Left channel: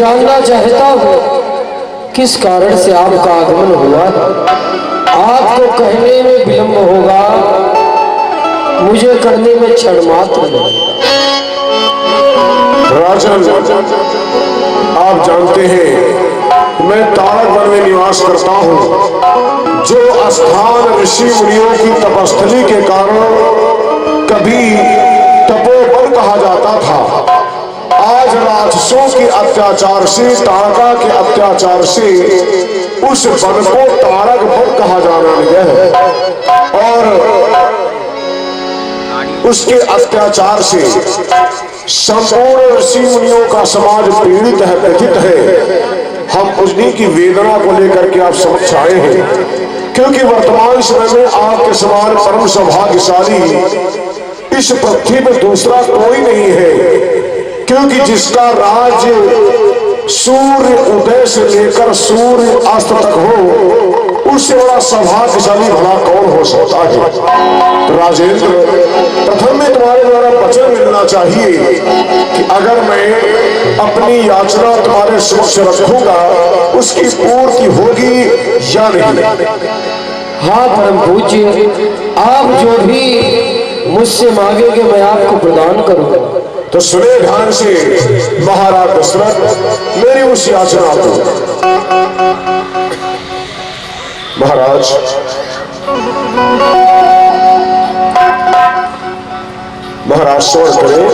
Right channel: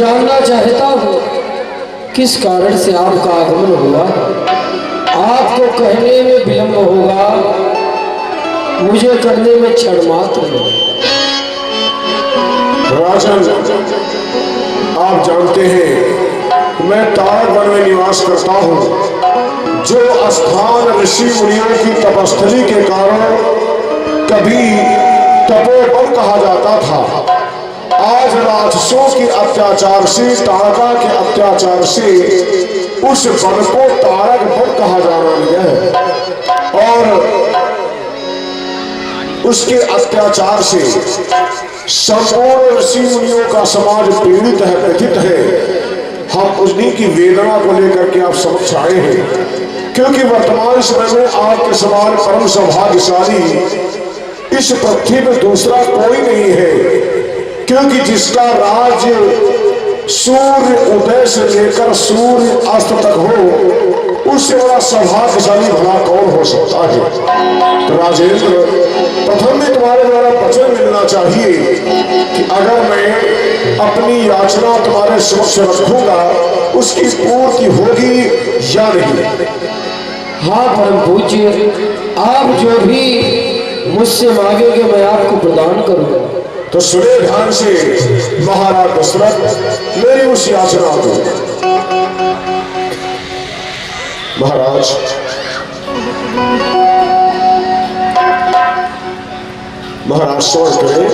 जानना चाहता हूँ किस कारण से आपका आगमन हुआ। आपको कहने में विलंब होगा, मुझे करने में क्षण मात्र नहीं। राजन, आप जानते हैं मैं तारक वन में निवास करता हूँ, जो स्थान ऋषि मुनियों की तपस्थली के कारण कभी तपोवन कहा जाता था, आज राक्षसों के अत्याचार से, तारका के अत्याचार से उस वन को तारक वन कहा जाना लगा है। और उसके अत्याचार से संपूर्ण ऋषि मुनियों का समाज पीड़ित है, व्यथित है। हम उन्हीं की वेदना को लेकर के आप समक्ष आए हैं, क्योंकि वर्तमान समय में आपके समान परम सौभाग्यशाली इस पृथ्वी में दूसरा कोई नहीं है। क्योंकि जिसका राज्य सूर्य उदय से लेकर सूर्य अस्त तक हो, उससे बड़ा सौभाग्यशाली भला कौन हो सकता है। तो राजेंद्र, प्रथम में तुम्हारे द्वारा वचन मिलना चाहिए कि अगर मैं अपनी याचना तुम्हारे समक्ष रखूंगा, उसकी पूर्ति होगी या नहीं। हाँ परम पूज्य, आप जो भी मुझसे मांगेंगे मैं आपको प्रदान करूंगा। तो सुने ध्यान से महाराज दशरथ, मेरी उस याचना को। महाराज, महाराज स्वर करें।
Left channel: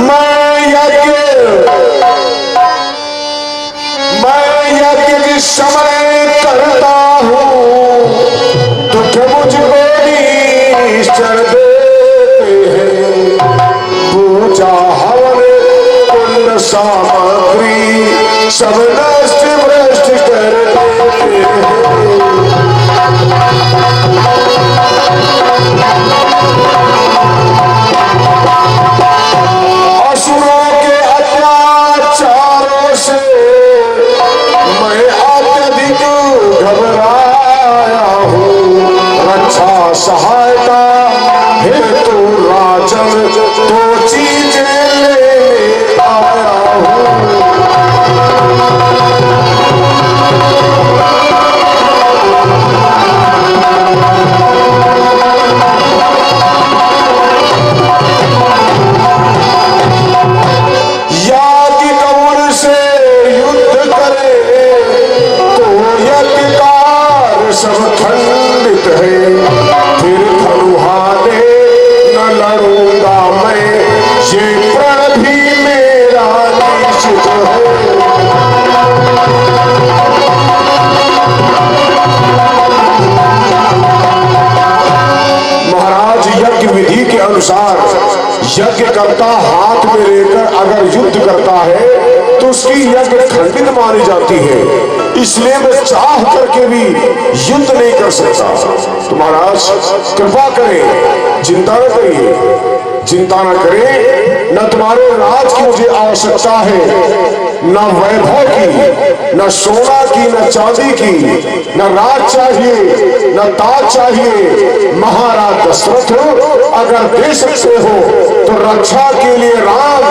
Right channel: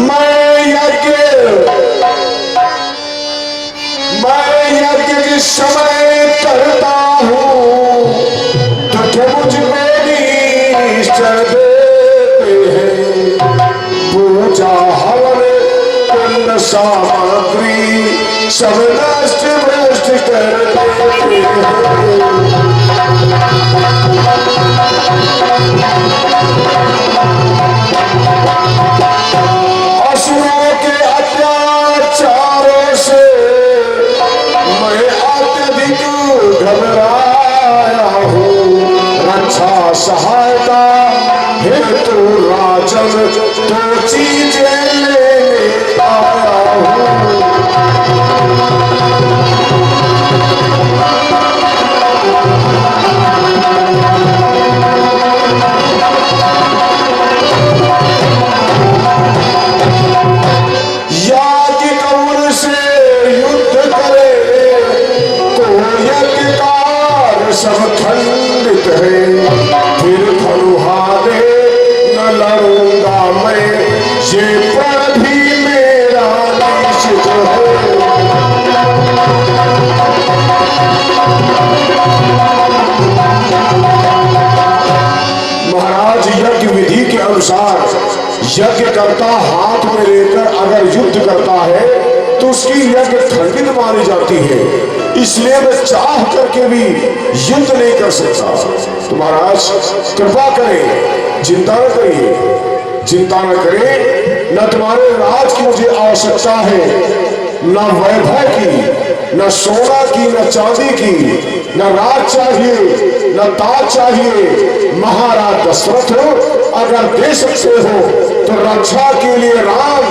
मैं यज्ञ के समय करता हूँ, दुख मुझको निश्चर देते हैं। पूजा हवन पुण्य सामग्री सब नष्ट भ्रष्ट कर देते हैं। असुरों के अत्याचारों से मैं अत्यधिक घबराया हूँ। रक्षा सहायता हेतु राजन तो चीजें लेने आया हूँ। याज्ञ कौन से युद्ध करे तो यज्ञकार सब खंडित है। फिर धनुहारे न लड़ूंगा मैं, ये प्रण भी मेरा निश्चित है। महाराज, यज्ञ विधि के अनुसार यज्ञ करता हाथ में लेकर अगर युद्ध करता है तो उसकी यज्ञ खंडित मानी जाती है। इसलिए मैं चाह करके भी युद्ध नहीं कर सकता। तो महाराज कृपा करें, चिंता न करिए, चिंता न करें। न तुम्हारे राज की मुझे आवश्यकता है, न वैभव की, न सोना की, न चांदी की, न राज चाहिए, न ताज चाहिए। महाराज दशरथ अगर दे सकते हो तो रक्षा के लिए राम,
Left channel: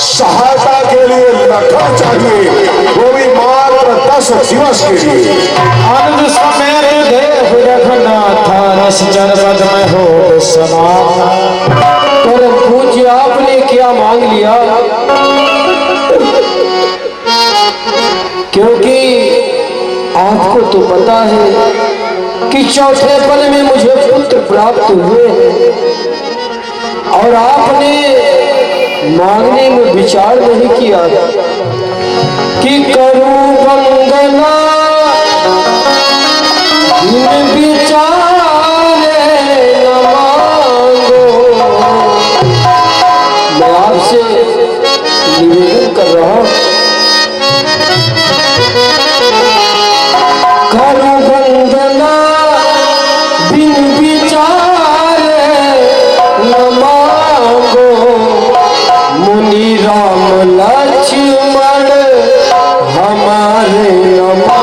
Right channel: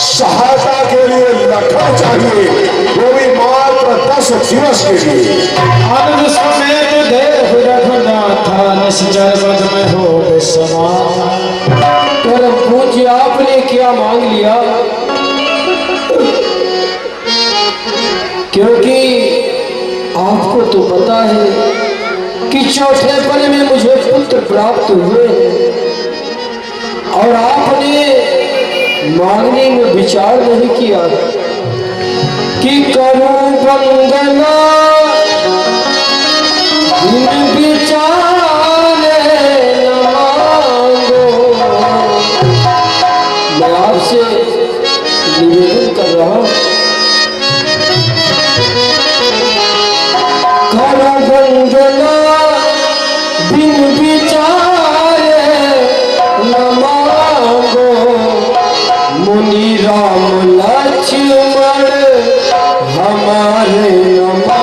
सहायता के लिए लखन चाहिए, वो भी मात्र 10 दिवस के लिए। आनंद समेत देव रघुनाथा निश्चर पद में हो समान। परम पूज्य, आपने क्या मांग लिया? क्योंकि आपको तो पता है कि चौथे पल में मुझे पुत्र प्राप्त हुए और आपने मांगने में विचार नहीं किया कि करूं वंदना बिन विचारे न मांगो। मैं आपसे निवेदन कर रहा हूं, करूं वंदना बिन विचारे न मांगो। मुनि राम लक्ष्मण हमारे न मांगो।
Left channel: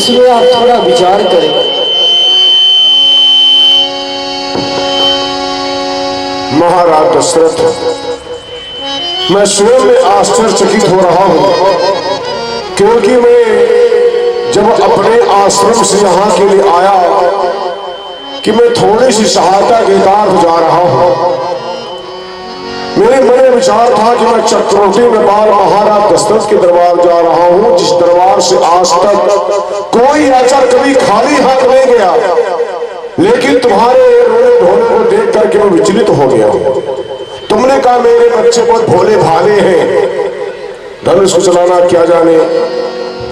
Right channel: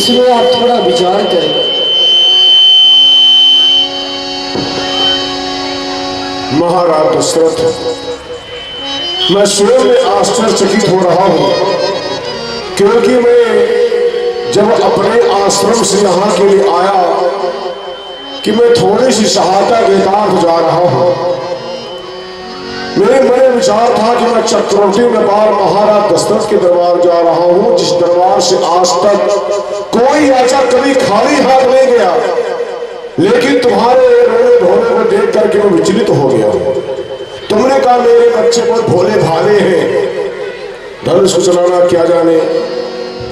इसमें आप थोड़ा विचार करें। महाराज दशरथ, मैं स्वयं में आश्चर्यचकित हो रहा हूं, क्योंकि मैं जब अपने आश्रम से यहाँ के लिए आया कि मैं थोड़ी सी सहायता के साथ जा रहा हूं, मेरे मन में विचार था कि मैं चक्रवर्ती नेपाल महाराज दशरथ के दरबार जा रहा हूं, जिस दरबार से आज तक कोई याचक कभी खाली हाथ नहीं गया। लेकिन तुम्हारे रोने धोने को देख करके मैं विचलित हो गया। तुमने कहा मेरे बच्चे बहुत भोले भाले हैं, धनुष को चलाना क्या जाने।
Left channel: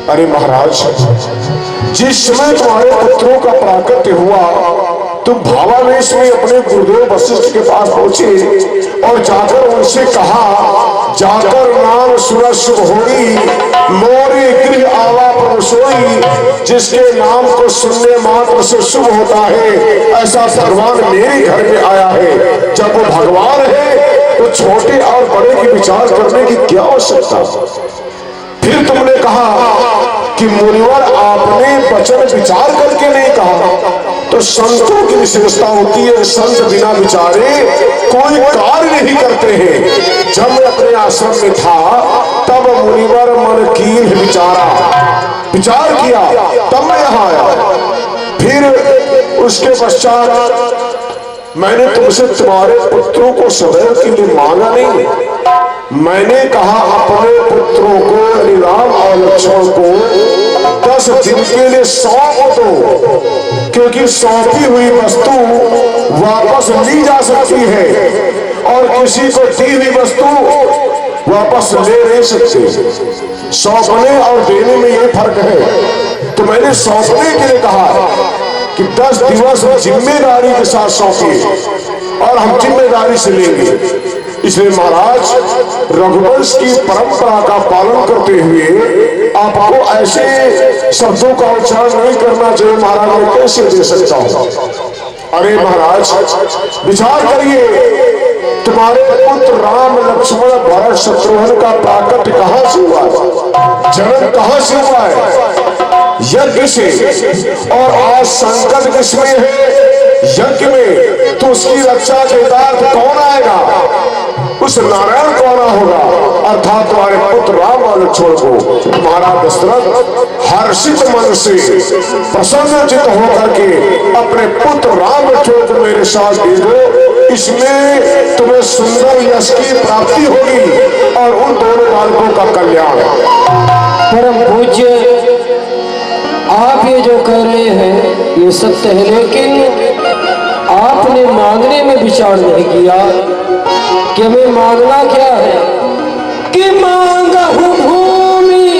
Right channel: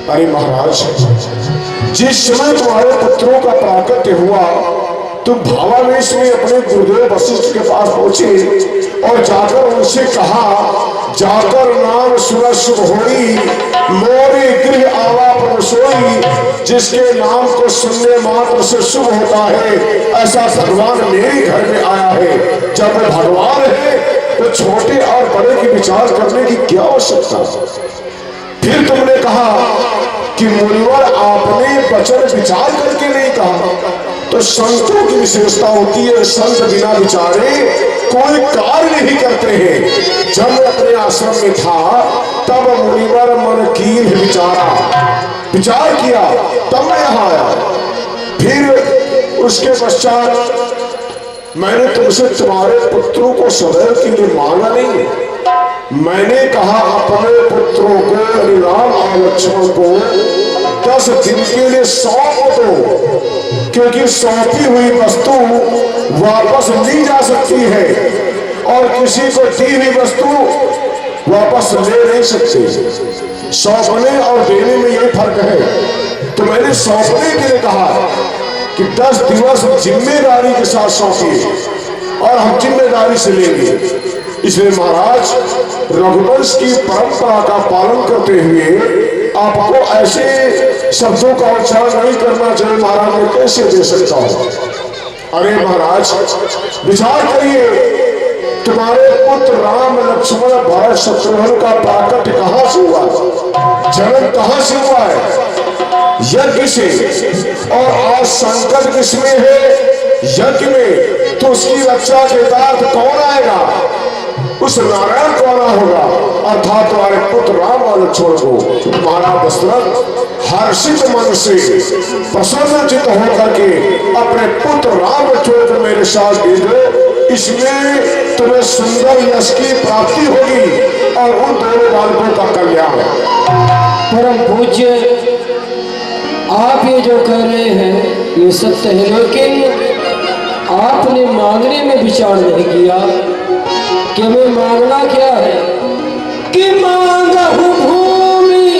अरे महाराज, जिस समय तुम्हारे पुत्रों का प्राकट्य हुआ, तुम भावावेश में अपने गुरुदेव वशिष्ठ के पास पहुंचे और जाकर उनसे कहा, जाकर नाम सुरत शुभ होई, मोरे गृह आवा प्रभु सोई। जिसके नाम को सुनने मात्र से शुभ होता है, ऐसा भगवान मेरे घर में आया है। जब वो भगवान है तो छोटे और बड़े की विचार करने की क्या आवश्यकता। फिर तुमने कहा कि मुनिवर आपने वचन विचार करके नहीं कहा, तो संतों की विशेषता होती है, संत बिना विचारे कोई कार्य नहीं करते हैं। जब मैं अपने आश्रम में था तब मुनिवर मन कीन विचार किया, तब मैं यहाँ आया। फिर उसके पश्चात मैंने तुमसे तुम्हारे पुत्रों को सदैव के लिए मांगा नहीं, मैंने कहा अपने पुत्रों को राम और लक्ष्मण को 10 दिन के लिए सौंप दो, क्योंकि सौंपी हुई वस्तु वापस ली जा सकती है और किसी को दी हुई वस्तु वापस ले नहीं सकते। सौंपने और देने में यही फर्क है। तो मैंने सौंपने के लिए कहा कि 10 दिवस जिम्मेदारी के साथ सौंपिए और हम जिम्मेदारी से लेंगे। इसलिए महाराज, रघुवंश की परंपरा का पालन करते हुए आपको ऐसे शब्दों का उच्चारण नहीं करना चाहिए। महाराज, मैं कैसे दे सकता हूं। अरे महाराज, विचार करिए, तुम्हारे पुत्र राम लक्ष्मण भरत शत्रुघ्न का प्राकट्य कहां से हुआ है, जन्म कहां से हुआ है? यज्ञ से। और आज संकट किसमें है? यज्ञ में। तो उसकी रक्षा के बाद कौन आएगा? उस नारायण कौन होगा? अर्थात तुम्हारे पुत्र राम और लक्ष्मण को महाराज दशरथ हर्षित मन से प्रसन्नचित होकर के अपने पुत्र राम लक्ष्मण को मेरे साथ दे दो। इसमें तुम्हें सुंदर यश की प्राप्ति होगी और उन दोनों बालकों का कल्याण। परम पूज्य, आप ये जो कह रहे हैं ये सत्य है, लेकिन आपने मांगने में विचार नहीं किया कि हमें मांगना क्या है। कि मांगहु भूमि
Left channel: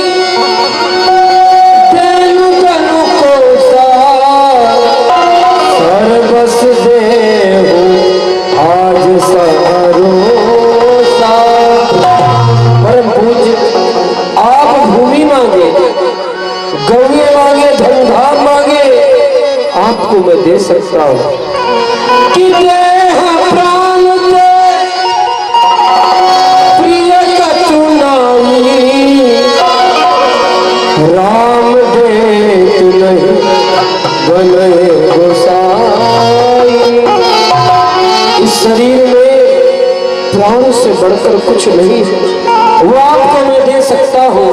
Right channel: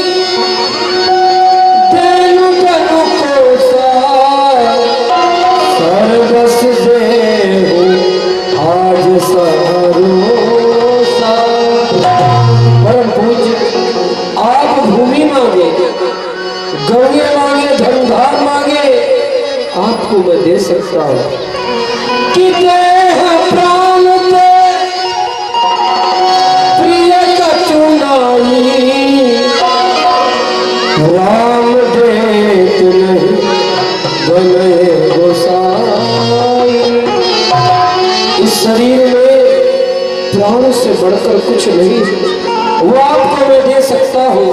तेनु तनु को सर्वस देहु आज सभरोसा। परम पूज्य, आप भूमि मांगे, गौए मांगे, धनुधार मांगे, आपको मैं दे सकता हूं। कि देह प्राण दे प्रिय कतुनाई, राम दे तु नहीं बने गोसाई। इस शरीर में प्राण से बढ़कर कुछ नहीं, वो आपको मैं दे सकता हूं।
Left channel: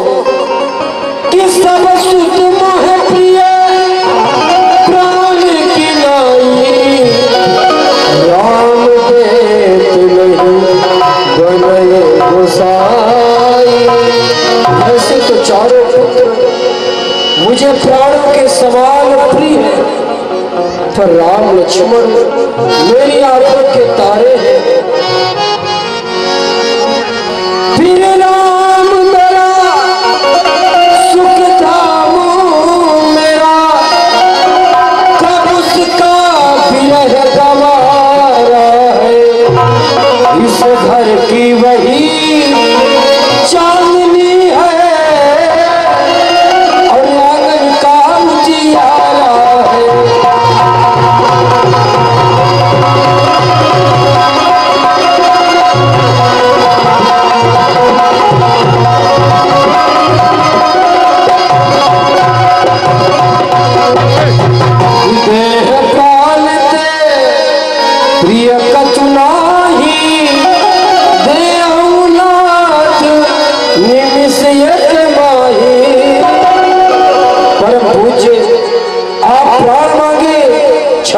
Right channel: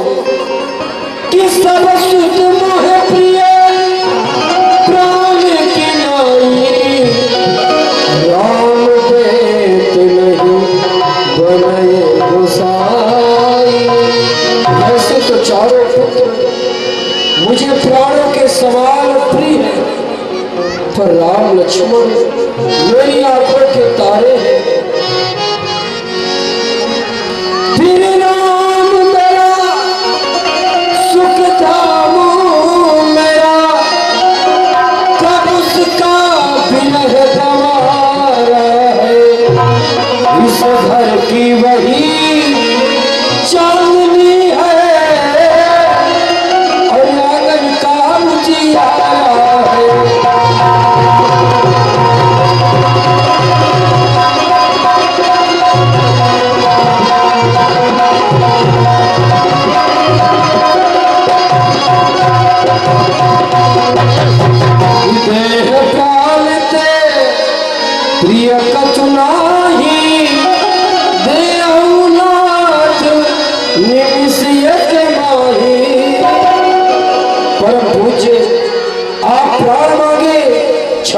कि सब सुध मोह प्रिय प्राण की नाई, राम देत नहीं बनए गोसाई। वैसे तो चारों पुत्र मुझे प्राणों के समान प्रिय है, पर राम लक्ष्मण मेरी आंखों के तारे हैं। फिर राम मेरा सुख धाम मेरा, कब उसका विरह गवारा है। इस घर की वही चांदनी है और आंगन का उजियारा है।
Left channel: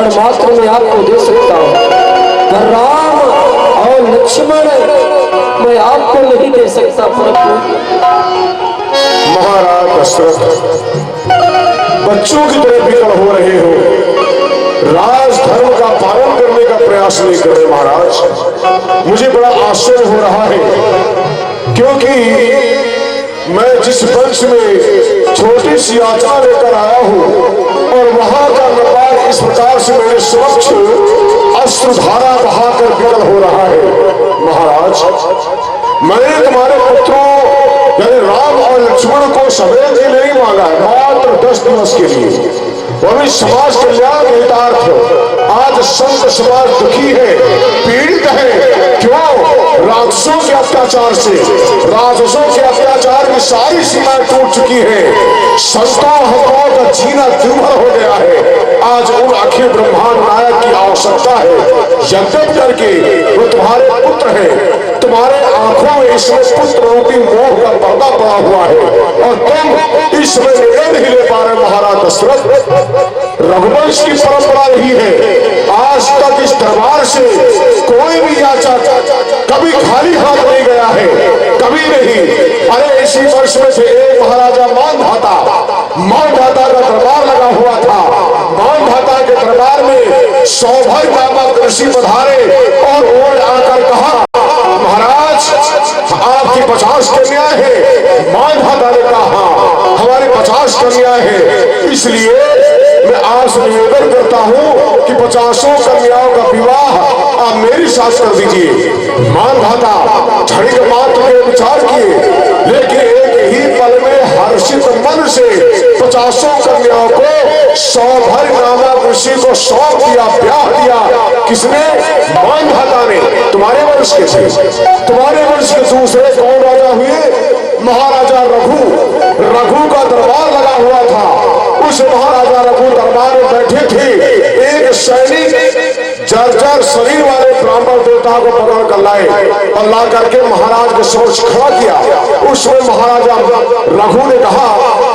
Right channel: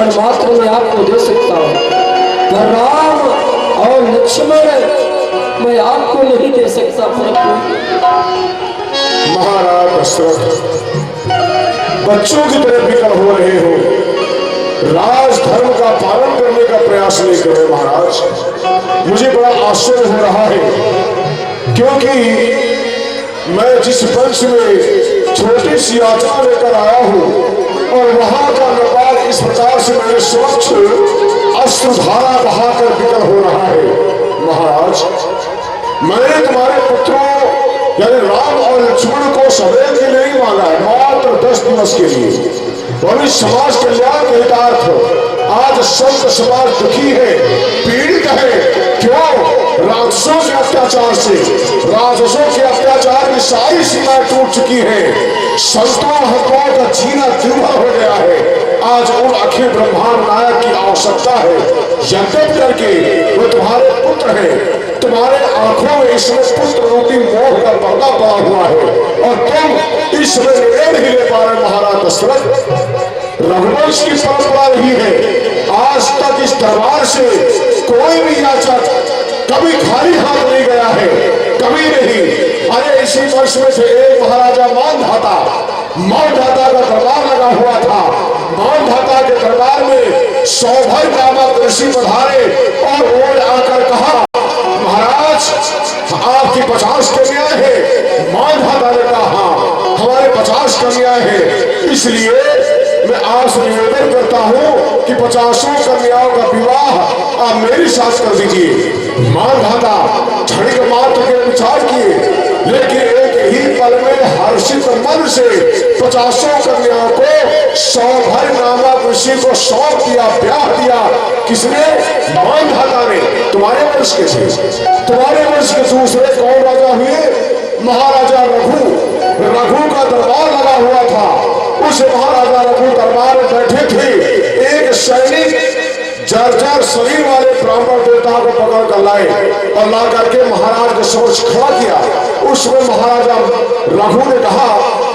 क्षण मात्र में आपको दे सकता हूँ, पर राम और लक्ष्मण मैं आपको नहीं दे सकता प्रभु। महाराज दशरथ, बच्चों की तरह विकल हो रहे हो, राज धर्म का पालन करने का प्रयास नहीं कर रहे महाराज। मुझे बड़ा आश्चर्य हो रहा है, क्योंकि मैं जिस वंश में छोटी सी यात्रा लेकर आया हूं और वहां का नेपाल इस प्रकार से मेरे समक्ष अश्रुधारा बहाकर विकल हो रहा है। महाराज, मैंने तुम्हारे पुत्रों यानी राम और लक्ष्मण को सदैव के लिए नहीं मांगा है, मात्र 10 दिवस के लिए। और इस समाज कल्याण के हितार्थ आज संत समाज दुखी है, पीड़ित है। क्यों? राक्षसों के अत्याचार से, राक्षसों के अत्याचार की सारी सीमाएं टूट चुकी है। संतों हकों का जीना दुर्भर हो गया है। आज उन अखिल ब्रह्मांड नायक की आवश्यकता है। यज्ञ करके वो तुम्हारे पुत्र हैं, तुम्हारे आंखों में इसमें पुत्र रूपी मोह का पर्दा पड़ा हुआ है और तुम इस समय निर्णय नहीं ले पा रहे। महाराज दशरथ, रघुवंश की परंपरा रही है, आज तक इस दरबार से कोई भी याचक कभी खाली हाथ नहीं गया है, कभी नहीं। अरे इसी वर्ष में से एक महाराजा मानधाता का दरबार लगा हुआ था। मानधाता के दरबार में सौभाग्य नामक ऋषि पधारे और उन्होंने आकर कहा, महाराज आपकी 50 कन्याएं हैं। मानधाता ने कहा, हमारे 50 कन्याएं हैं, इसलिए मैं आपसे निवेदन करता हूं कि 50 कन्याओं का विवाह आप मेरे साथ कर दीजिए। मानधाता क्षणिक मात्र के विचार किए, लेकिन एक ही पल में हर्षित मन से 50 कन्याओं को सौभाग्य नामक ऋषि को सौंप दिया, ब्याह दिया। किसने? मानधाता ने। तुम्हारे वंश के थे। तुम्हारे वंश के दूसरे कौन राजा हुए? महाराजा रघु। रघु का दरबार लगा हुआ था। उस महाराजा रघु दरबार में बैठे थे। एक सैनिक जर्जर शरीर वाले ब्राह्मण देवता को पकड़ कर लाए और ला करके महाराज के समक्ष खड़ा किया। उसमें महाराजा रघु ने कहा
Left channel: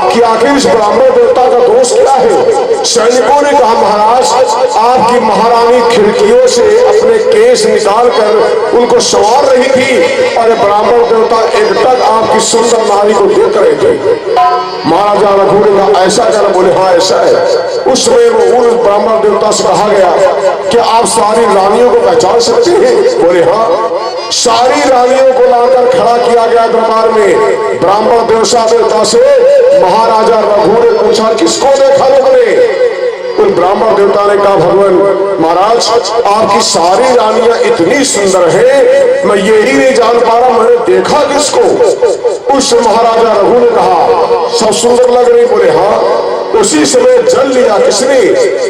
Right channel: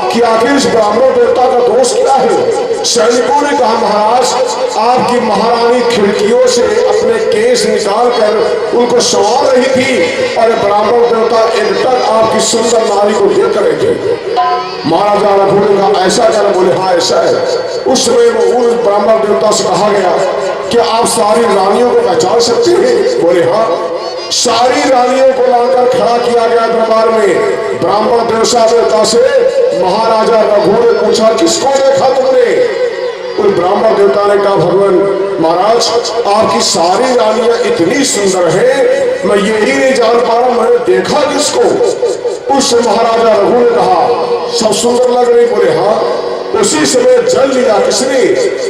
कि आखिर इस ब्राह्मण देवता का दोष क्या है? सैनिकों ने कहा, महाराज आपकी महारानी खिड़कियों से अपने केस निकाल कर उनको संवार रही थी और ब्राह्मण देवता एकटक आपकी सुंदर नारी को देख रहे थे। महाराजा रघु ने कहा, ऐसा क्या? बोले, हाँ ऐसा है। उस समय वो उन ब्राह्मण देवता से कहा गया कि आप सारी रानियों को पहचान सकते हैं? बोले, हाँ। सारी रानियों को लाकर खड़ा किया गया दरबार में। ब्राह्मण देवता से महाराजा रघु ने पूछा, किसको देखा तुमने? उन ब्राह्मण देवता ने कहा, भगवान महाराज आपकी सारी रानियां इतनी सुंदर हैं, मैं यही नहीं जान पा रहा मैंने देखा किसको। उस महाराजा रघु ने कहा, सब सुंदर लग रही। बोले, हाँ। उसी समय जल लिया। किसने?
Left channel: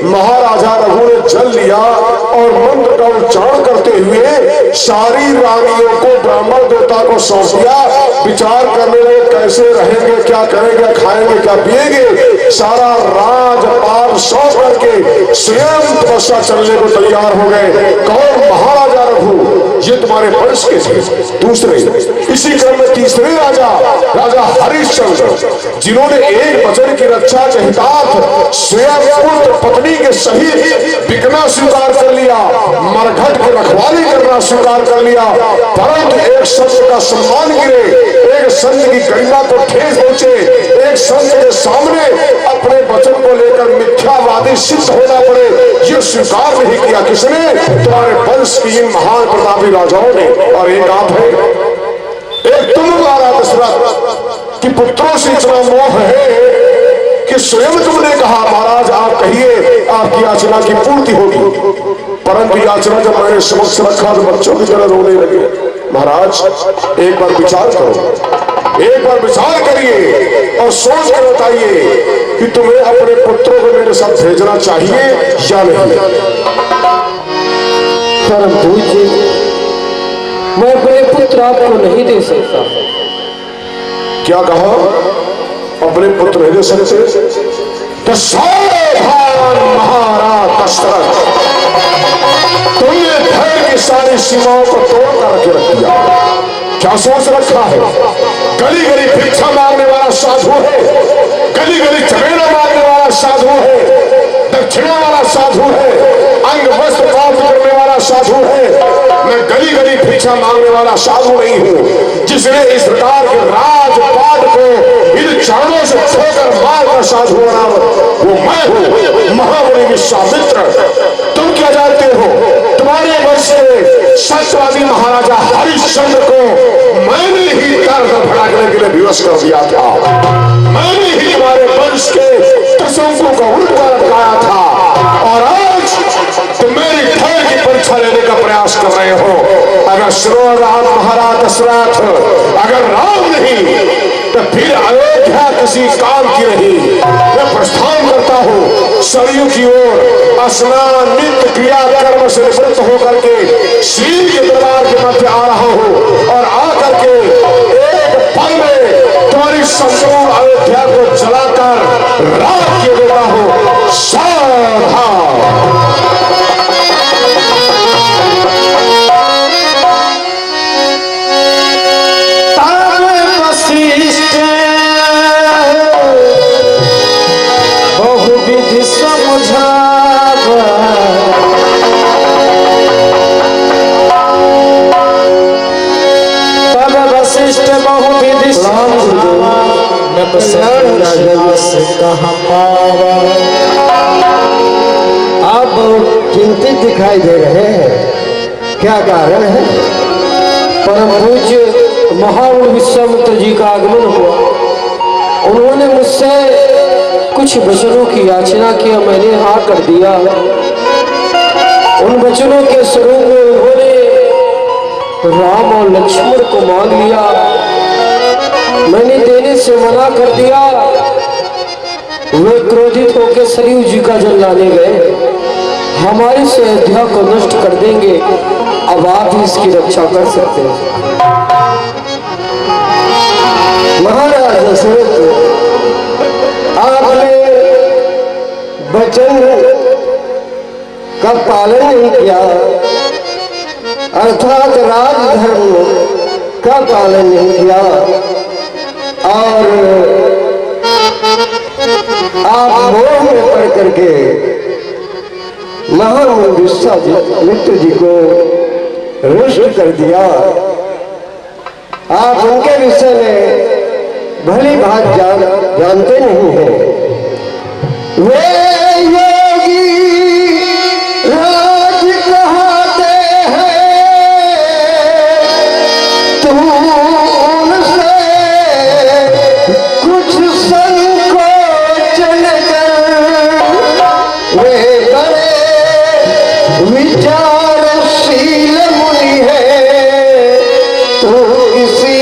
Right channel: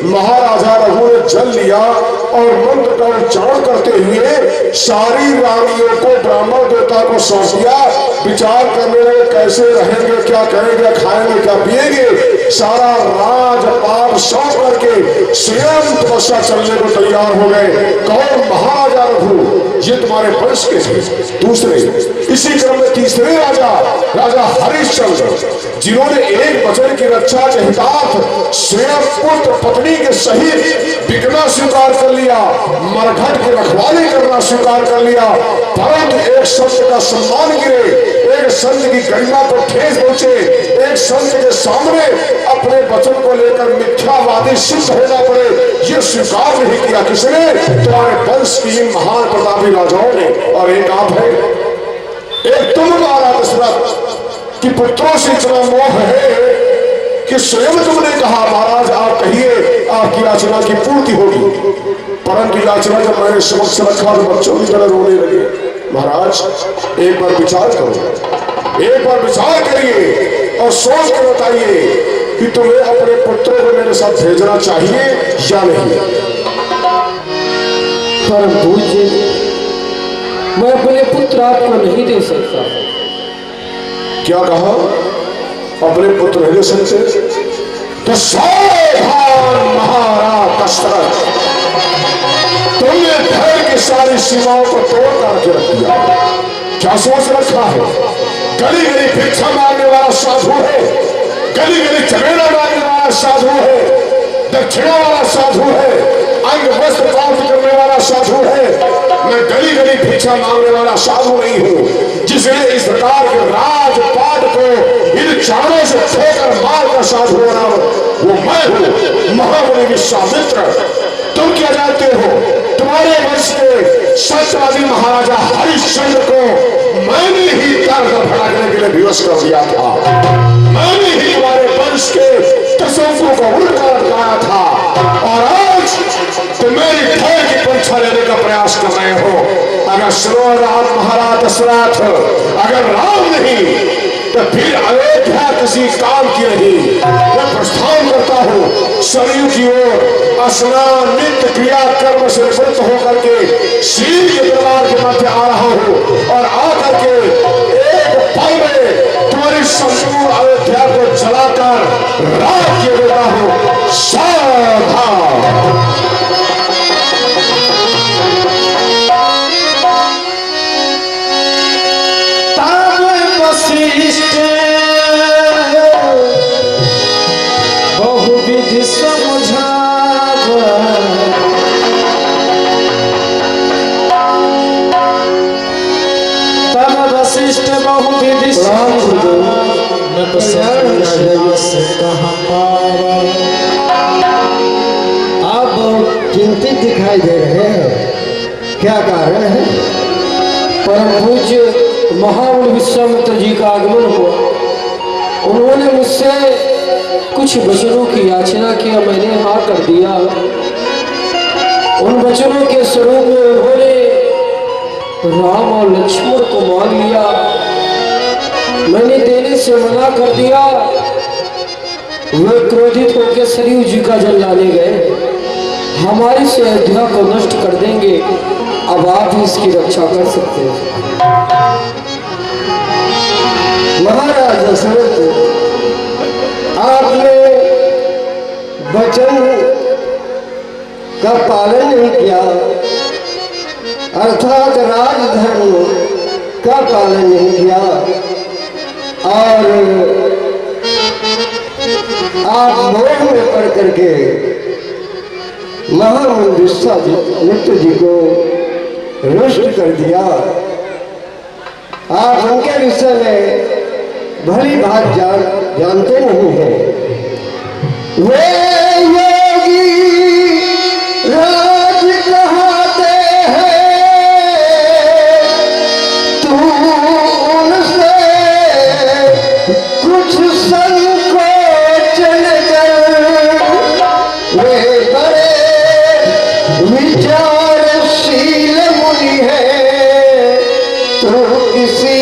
महाराजा रघु ने जल लिया और मंत्र का उच्चारण करते हुए सारी रानियों को ब्राह्मण देवता को सौंप दिया। विचार करने लगे, कैसे रहेंगे, क्या करेंगे, खाएंगे, क्या पिएंगे। सारा राजपाट सौंप करके स्वयं तपस्या चलने को तैयार हो गए। कौन? महाराजा रघु। ये तुम्हारे वंश के थे। दूसरे, इसी क्रम में तीसरे राजा हरिश्चंद्र, जिन्होंने एक वचन की रक्षा के हितार्थ स्वयं पुत्र पत्नी के सहित बिकना स्वीकार कर लिया, मरघट की रखवाली करना स्वीकार कर लिया, परंतु एक संत का सम्मान गिरे, एक संत की गरिमा को ठेस पहुंचे, एक संत के सामने अपने वचन को लेकर मिथ्यावादी सिद्ध होना पड़े, ये स्वीकार नहीं किया। किसने? तुम्हारे वंश की इन महान प्रतापी राजाओं ने। और एक आप है, एक तुम महाराज दशरथ कि पुत्रों से इतना मोह है कि स्वयं तुमने कहा, महाराज आप कहिए आपकी याचना की पूर्ति होगी। परंतु याचना जब मैंने समक्ष रखा तो बच्चों की तरह रोने लगे। महाराज एक बार विचार करो, एक बार विचार करिए और सोच कर बताइए कि तुम्हें अपने पुत्रों को मेरे साथ भेजना चाहिए या नहीं। परम पूज्य, मैं अपने पुत्र आपको नहीं दे सकता। क्या कहा? अपने पुत्र नहीं दे सकते? तो सावधान महाराज दशरथ, तुमने धर्म की सारी सीमाओं को तोड़कर रखे रख दिया। क्या सोच रखा है? गली गली भिक्षा मांगने वाला साधु है, गली गली चमेला मांगने वाला साधु है, दक्षिणा वाला साधु है, अंग वस्त्र प्राप्त करने वाला साधु है। मैं गली गली भिक्षा मांगने वाला साधु नहीं हूँ। जिसने इस प्रकार के राजपाट को इन चारों से ठोकर मार का साधु बना वो मैं हूँ, महामुनि विश्वामित्र। तुम क्या जानते हो? तुम्हारे वंश के सत्यवादी महाराजा हरिश्चंद्र को मैंने ही दर्द भड़कने के लिए विवश कर दिया था। मैंने ही तुम्हारे वंश के त्रिशंकु को उल्टा लटकाया था, और आज तुम मेरी ठहर की परीक्षा लेने का प्रयास कर रहे हो। अगर सुनो राम महाराज दशरथ, अगर राम नहीं तो फिर अयोध्या किसी काम की नहीं। मैं प्रस्थान करता हूँ सरयू की ओर, स्नान नित्य क्रिया कर्म से निवृत्त होकर के श्री के दरबार के मध्य आ रहा हूँ, और आकर के एक पल में तुम्हारी संपूर्ण अयोध्या को जलाकर राख किए देता हूँ। सावधान। बहुविधि समझावा, तब वशिष्ठ बहुविधि समझावा, कहाँ पावा। आप चिंतित दिखाई दे रहे हैं, क्या कारण है? परम पूज्य महामुनि विश्वामित्र जी का आगमन हुआ। उन्होंने मुझसे कुछ वचनों की याचना किया, मैंने हाँ कर दिया। उन वचनों के स्वरूप में उन्होंने राम और लक्ष्मण को मांग लिया। मैंने देने से मना कर दिया। वे क्रोधित होकर सरयू जी का जल लाने गए। हमारी से अयोध्या को नष्ट कर देंगे, अब आप ही इसकी रक्षा कर सकते हैं। महाराज दशरथ, आपने वचन का पालन नहीं किया, अर्थात राजधर्म का पालन नहीं किया, और आप मोह में पड़ करके महामुनि विश्वामित्र जी को रुष्ट कर दिया। आप उनके विषय में भली भात जानते नहीं हैं। वे योगी राज कहते हैं, तू उनसे कुछ संकोच न कर। वे बड़े विचारशील मुनि है, तू किसी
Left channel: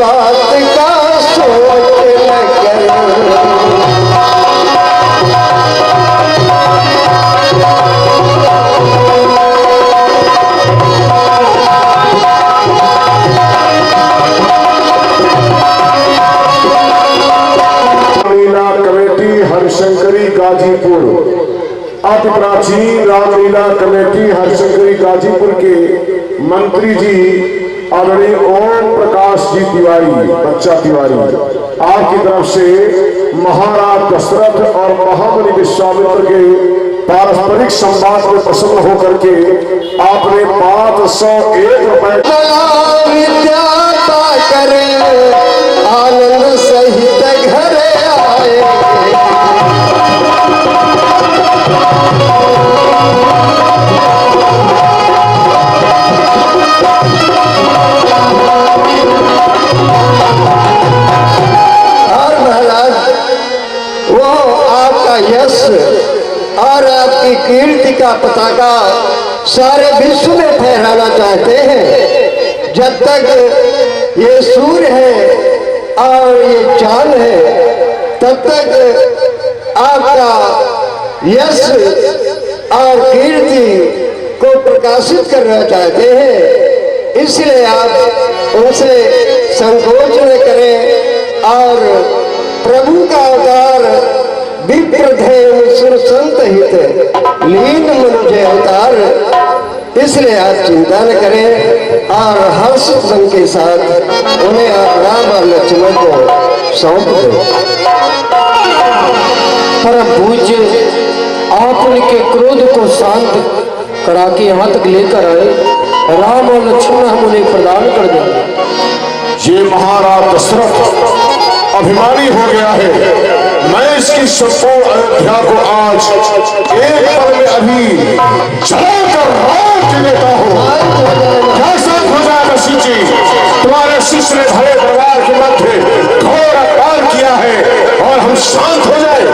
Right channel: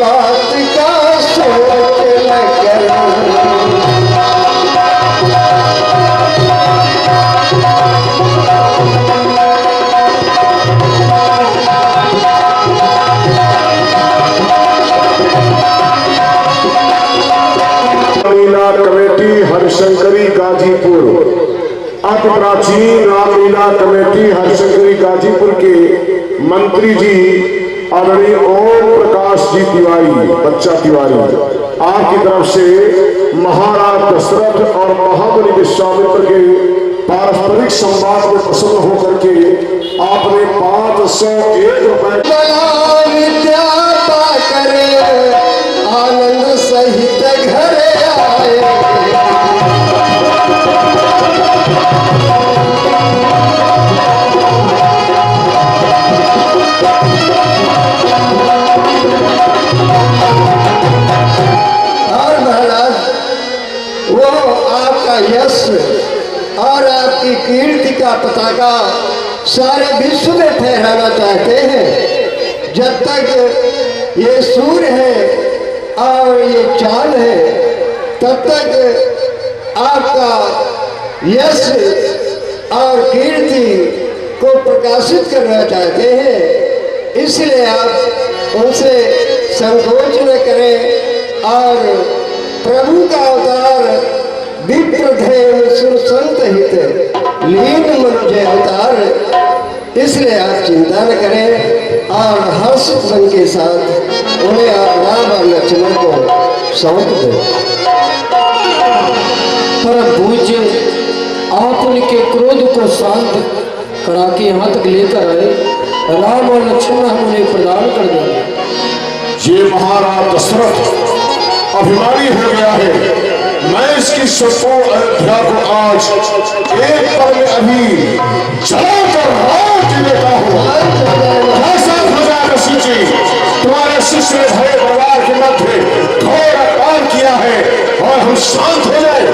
बात का सोच न कर। रामलीला कमेटी हरिशंकरी गाजीपुर, अति प्राचीन रामलीला कमेटी हरिशंकरी गाजीपुर के मंत्री जी आदरणीय ओम प्रकाश जी तिवारी, बच्चा तिवारी, आपकी तरफ से महाराज दशरथ और महामुनि विश्वामित्र के पारस्परिक संवाद में प्रसन्न होकर के आपने 501 रुपए विद्या करे आनंद सहित घर आए। और महाराज, वो आपका यश और आपकी कीर्ति का पताका सारे विश्व में फहराना चाहते हैं। जब तक ये सूर्य है और ये चांद है, तब तक आपका यश और कीर्ति को प्रकाशित करना चाहते हैं। इसलिए आप उनसे संकोच न करें, और प्रभु का अवतार विप्रधेम सुर संत हित लीन मनुजय अवतार, इसलिए आप चिंता न करें, और हर्ष मन के साथ उन्हें आप राम और लक्ष्मण को सौंप दें। परम पूज्य, आप आप उनके क्रोध को शांत करा के यहाँ तक लेकर आए। राम और लक्ष्मण हम उन्हें प्रदान कर देंगे। ये महाराज दशरथ अभिमानी हो गया है। मैं इसकी संपूर्ण अयोध्या को आज एक पल में अभी जलाकर राख देता हूँ। कैसा हो जाए ऋषि जी, तुम्हारे शिष्य ने भरे परिवार के मध्य घोर अपमान किया है और हम शांत हो जाए।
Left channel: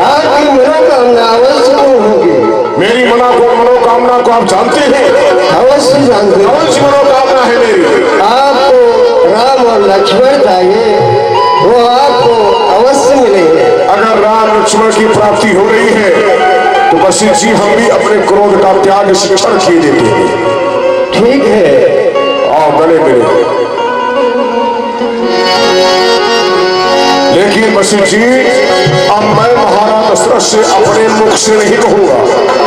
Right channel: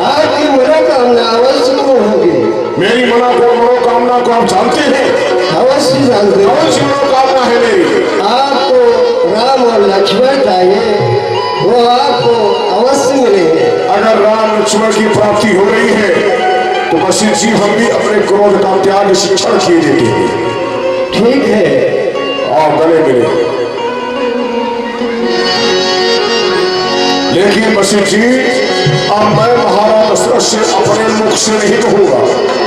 आपकी मनोकामना अवश्य होगी। मेरी मनोकामना को आप जानते हैं? अवश्य जानते हैं। कौन सी मनोकामना है मेरी? आपको राम और लक्ष्मण चाहिए, वो आपको अवश्य मिलेंगे। अगर राम लक्ष्मण की प्राप्ति हो रही है तो वशिष्ठ जी हम भी अपने क्रोध का त्याग शिक्षण किए देते हैं। ठीक है, आओ गले मिले। लेकिन वशिष्ठ जी, अब मैं महाराज दशरथ से अपने मुख से नहीं कहूंगा।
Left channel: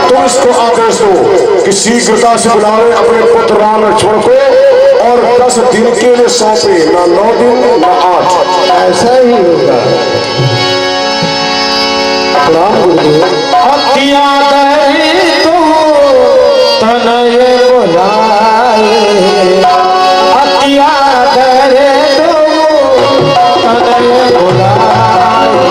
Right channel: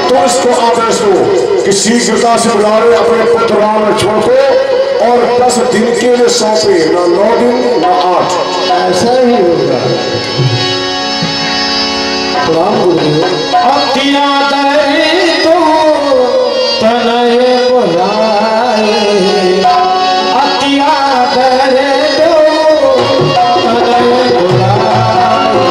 तुम इसको आदेश दो कि शीघ्रता से बुलावे अपने पुत्र राम लक्ष्मण को और 10 दिन के लिए सौंपे, न 9 दिन न 8। ऐसा ही होगा। प्रणाम गुरुदेव। अतिया दई तो तनये बुलाए, अतिया दई तो तनये बुलाए।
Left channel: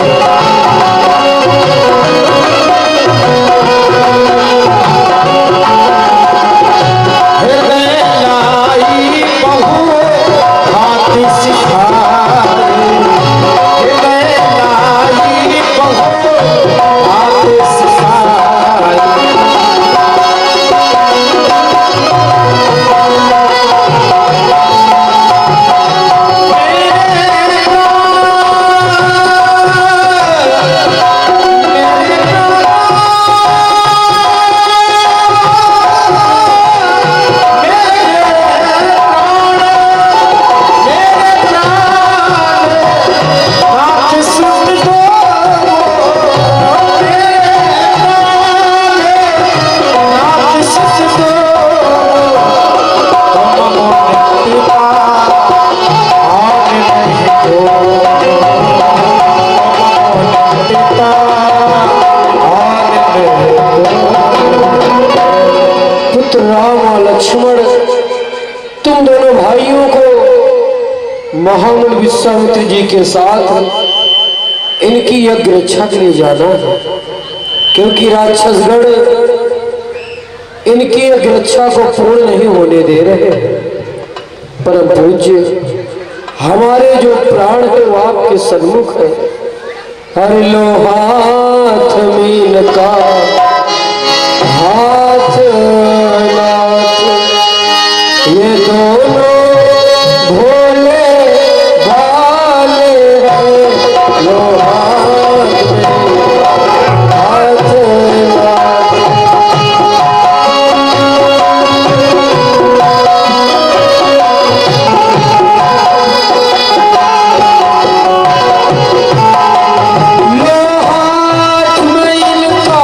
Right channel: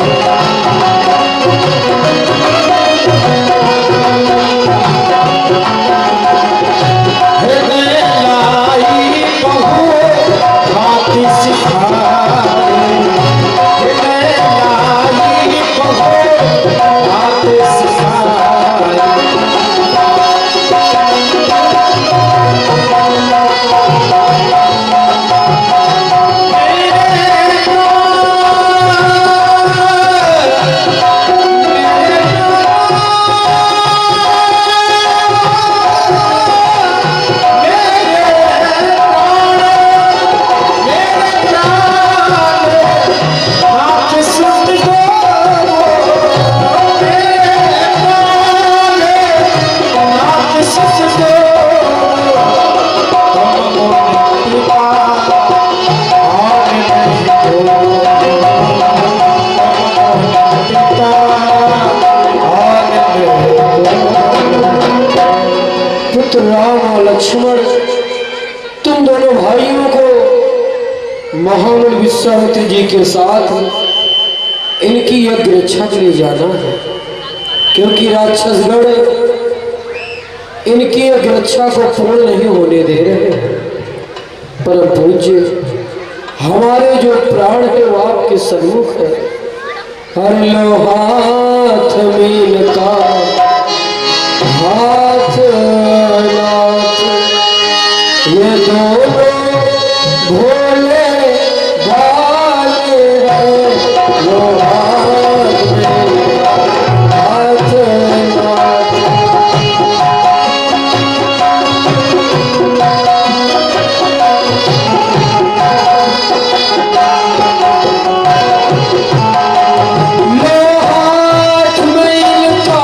हृदय लाई बहु भांति सिखाए, हृदय लाई बहु भांति सिखाए। पुत्र राम और लक्ष्मण, तुम दोनों भाइयों को महामुनि विश्वामित्र जी के साथ इनकी यज्ञ रक्षा के लिए जाना है, क्योंकि राक्षसगण इनकी यज्ञ रक्षा को पूर्ण नहीं होने दे रहे। परम पूज्य, हमारे जो प्राण है वो आपके सन्मुख है। हर लो हाथ मीन का हाथ नाथ, ये दोनों भोले भाले हैं। लो हाथ मीन का हाथ नाथ। लो हाथ मीन का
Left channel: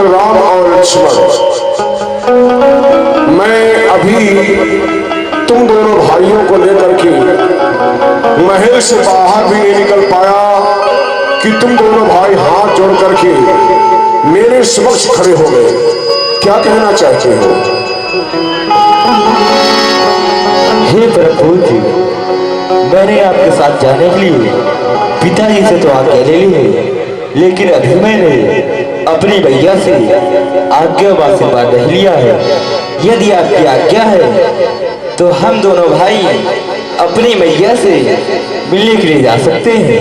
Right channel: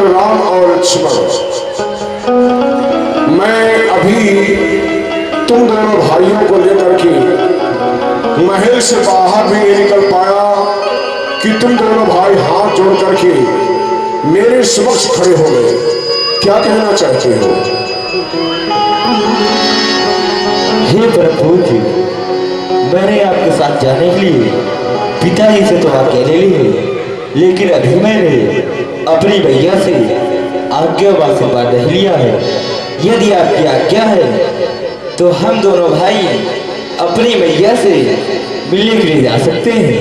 पुत्र राम और लक्ष्मण, मैं अभी तुम दोनों भाइयों को लेकर के महल से बाहर भी नहीं निकल पाया कि तुम दोनों भाई हाथ जोड़ करके मेरे समक्ष खड़े हो गए। क्या कहना चाहते हो? हे प्रभु जी, मैंने आपके साथ जाने के लिए पिताजी से तो आज्ञा ले ली है, लेकिन अभी मैंने अपनी भैया से आज्ञा व आशीर्वाद नहीं लिया है। यदि आपकी आज्ञा है तो हम दोनों भाई अपनी मैया से मिलने के लिए जा सकते हैं।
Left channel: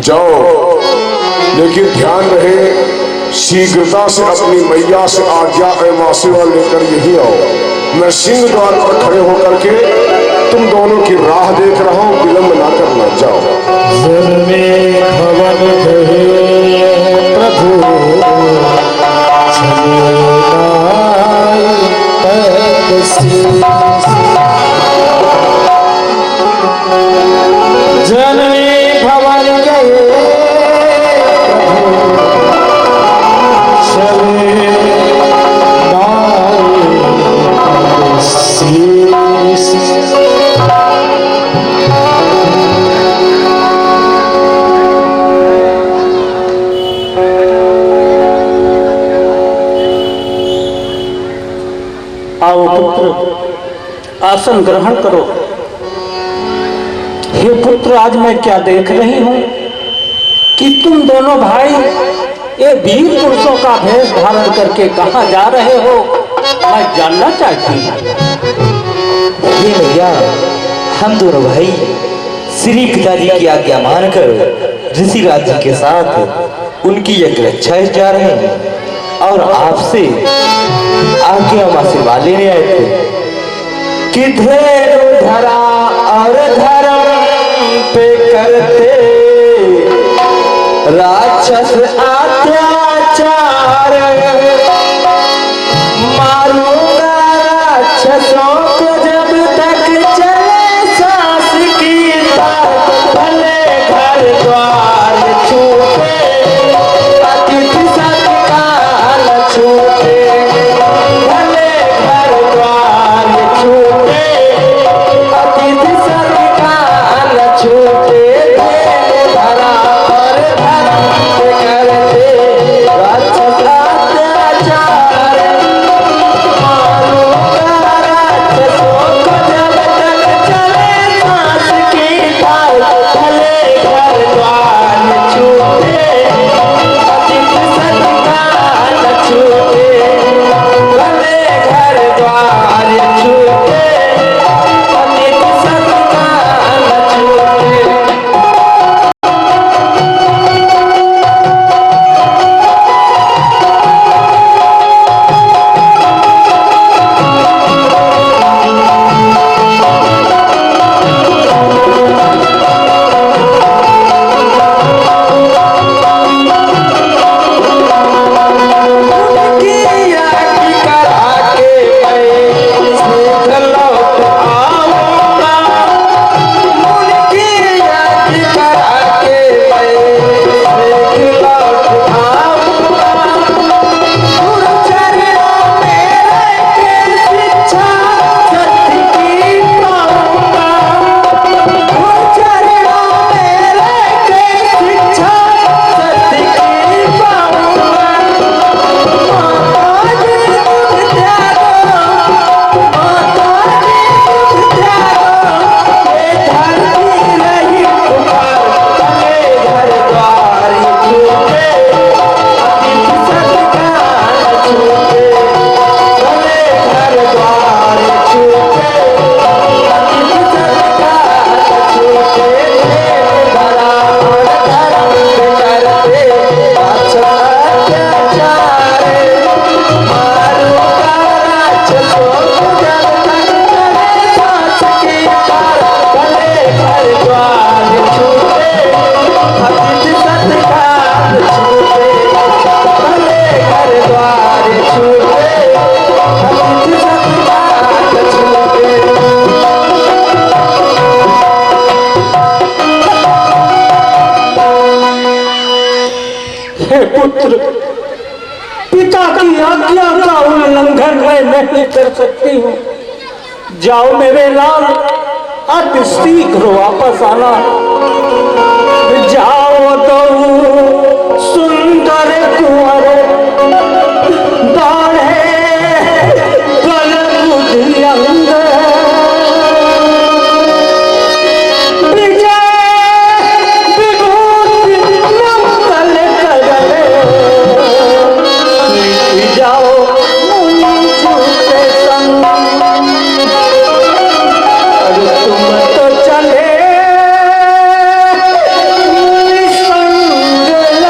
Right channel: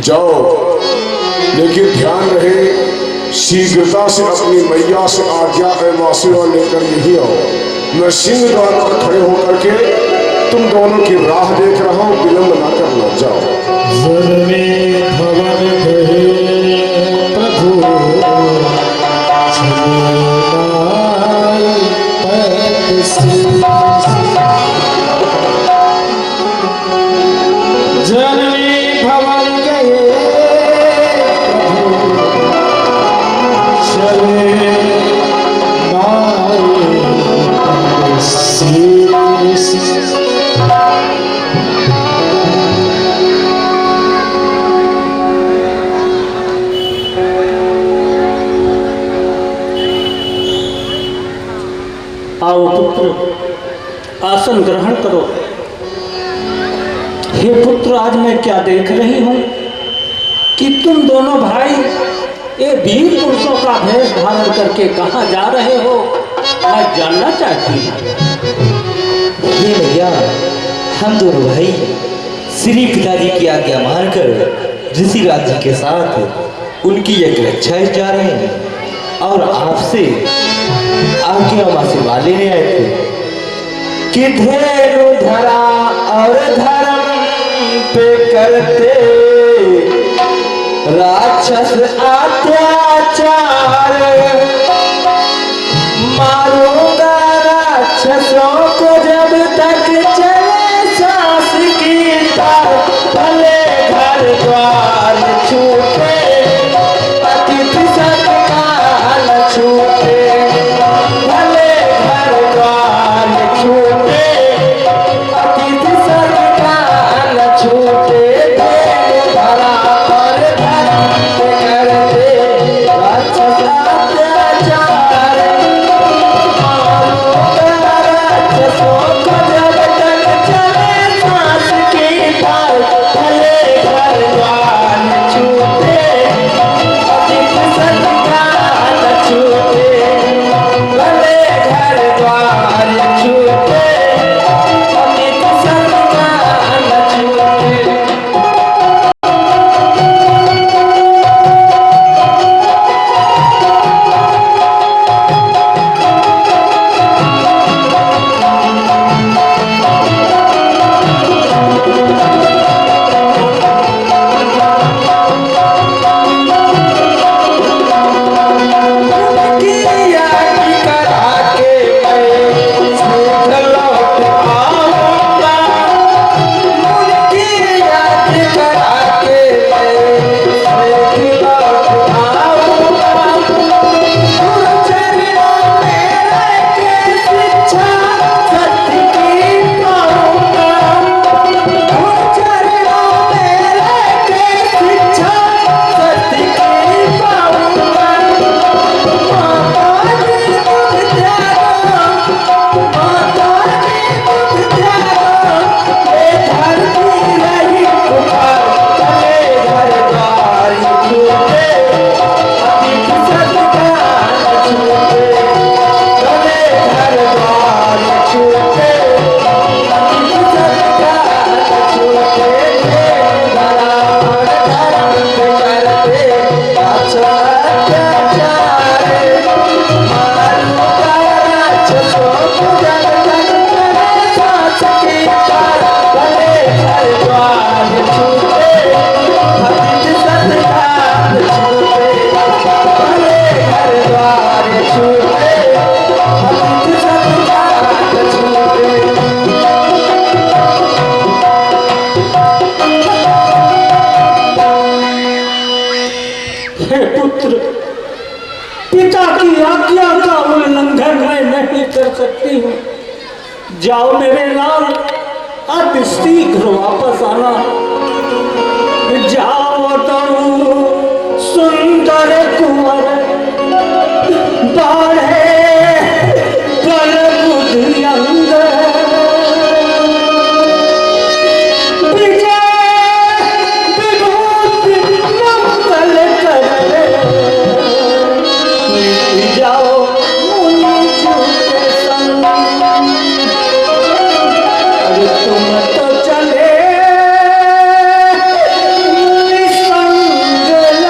जाओ, लेकिन ध्यान रहे शीघ्रता से अपनी मैया से आज्ञा एवं आशीर्वाद लेकर यही आओ। मैं सिंह द्वार पर खड़े होकर के तुम दोनों की राह देख रहा हूं, विलंब ना करना। जाओ। आओ पुत्र, आसन ग्रहण करो। हे पुत्र, आज मैं क्या देख रही हूं कि तुम दोनों भाई ये वीर पुरुषों का भेष धारण करके कहां जा रहे हो, मैं जानना चाहती हूँ। ये भैया, हम दोनों भाई श्री पिताजी की आज्ञा मानकर ऋषिराज जी के साथ उनकी यज्ञ रक्षा जा रहे हैं और आपसे आज्ञा व आशीर्वाद लेने आए थे कि धैर्य धरा और धर्म पे करते राक्षस अत्याचार, मारूंगा राक्षसों को जब तक चले सांस की ताक, भले घर द्वार छूटे अतिथि सत्कार छूटे, भले घर द्वार छूटे अतिथि सत्कार छूटे, धरा और धर्म पे करते राक्षस अत्याचार। पुत्र, पिता की आज्ञा का उल्लंघन मैं नहीं कर सकती हूँ। जाओ मेरे लाल, अति शीघ्र वापस आना। जाओ तो सुंदर कुंवर बाढ़े बल बुद्धि अंग, विजय विभूति मंगल करे, मिट जाओ मुनि छूटे संग। अरे तुम तो चले मुनि संग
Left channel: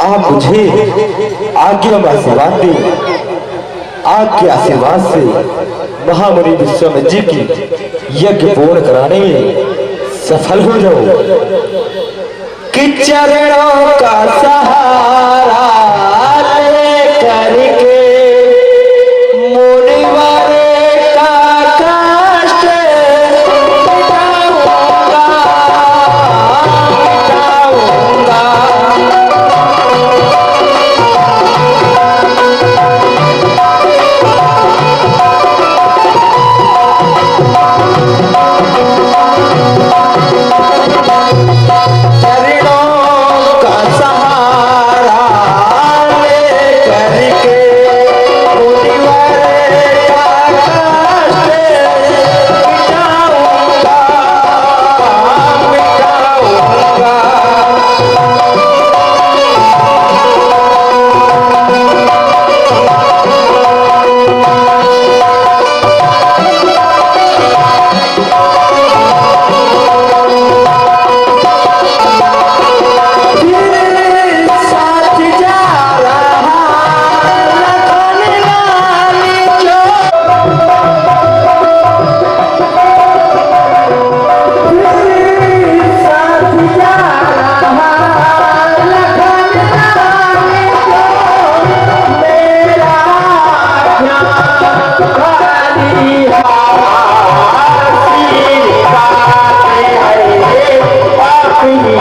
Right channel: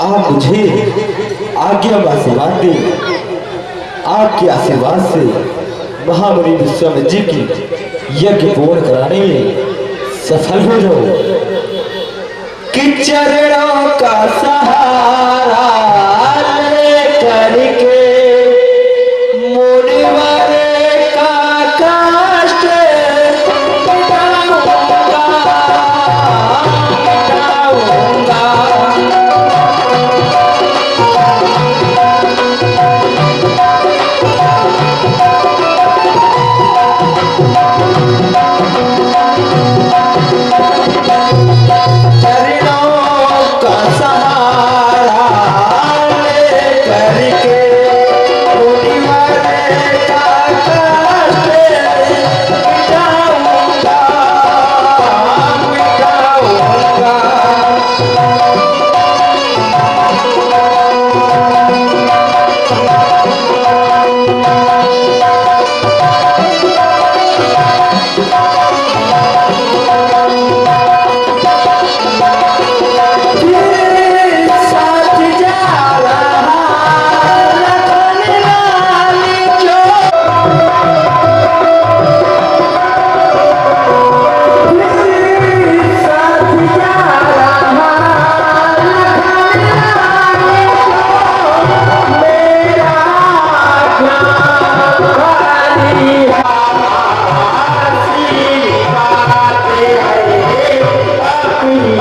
आप मुझे आज्ञा में आशीर्वाद दें। आपके आशीर्वाद से महामुनि विश्वामित्र जी की यज्ञ पूर्ण कराने में सफल हो जाओ। कि चरणों का सहारा लेकर के मुनिवर का कष्ट मिटाऊंगा, मिटाऊंगा। चरणों का सहारा लेकर के मुनिवर का कष्ट मिटाऊंगा, मिटाऊंगा। साथ जा रहा लखन लाल जो, साथ जा रहा लखन लाल जो, मेरा ध्यान खाली हाथी बातें है अपनी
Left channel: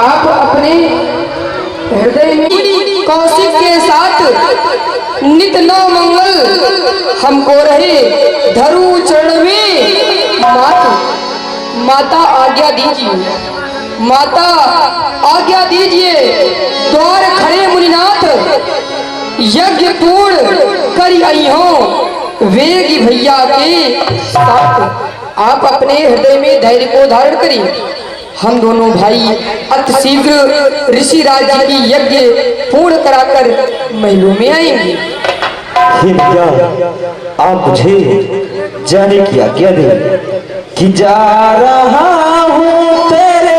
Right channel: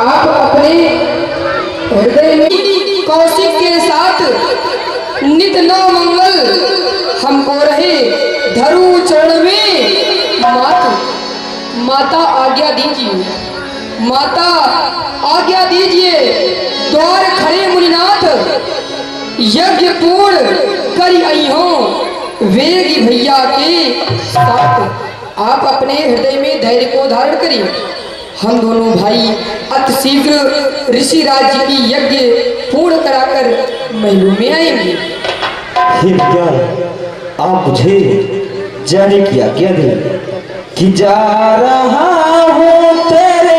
आप अपने हृदय में कौशिक के साथ नित नौ मंगल हमको रहे धरु चरण में माता आज्ञा दीजिए, माता आज्ञा दीजिए। द्वार खड़े मुनिनाथ यज्ञ पूर्ण करी आई हो वेगी भैया के साथ। आप अपने हृदय में धैर्य को धारण करिए। हम दोनों भाई अति शीघ्र ऋषि राज जी की यज्ञ पूर्ण कराकर महलों में आएंगे। हे भैया, आप मुझे जाने की आज्ञा दें कि जा रहा हूँ तेरे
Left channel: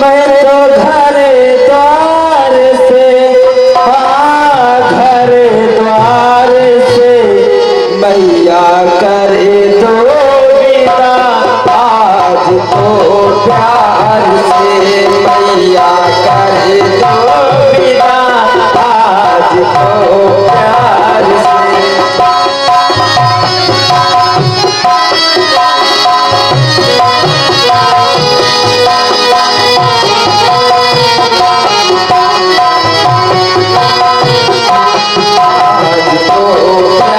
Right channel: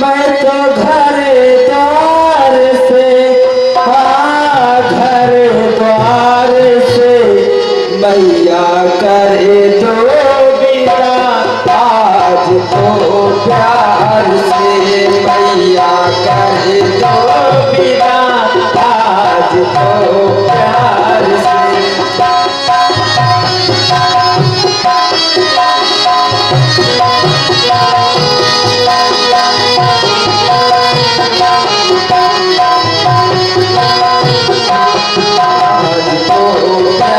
मैं तो घर द्वार से, हाँ घर द्वार से, मैया करे तो विदा आज तो प्यार से, मैया करे तो विदा आज तो प्यार से। आज तो प्यार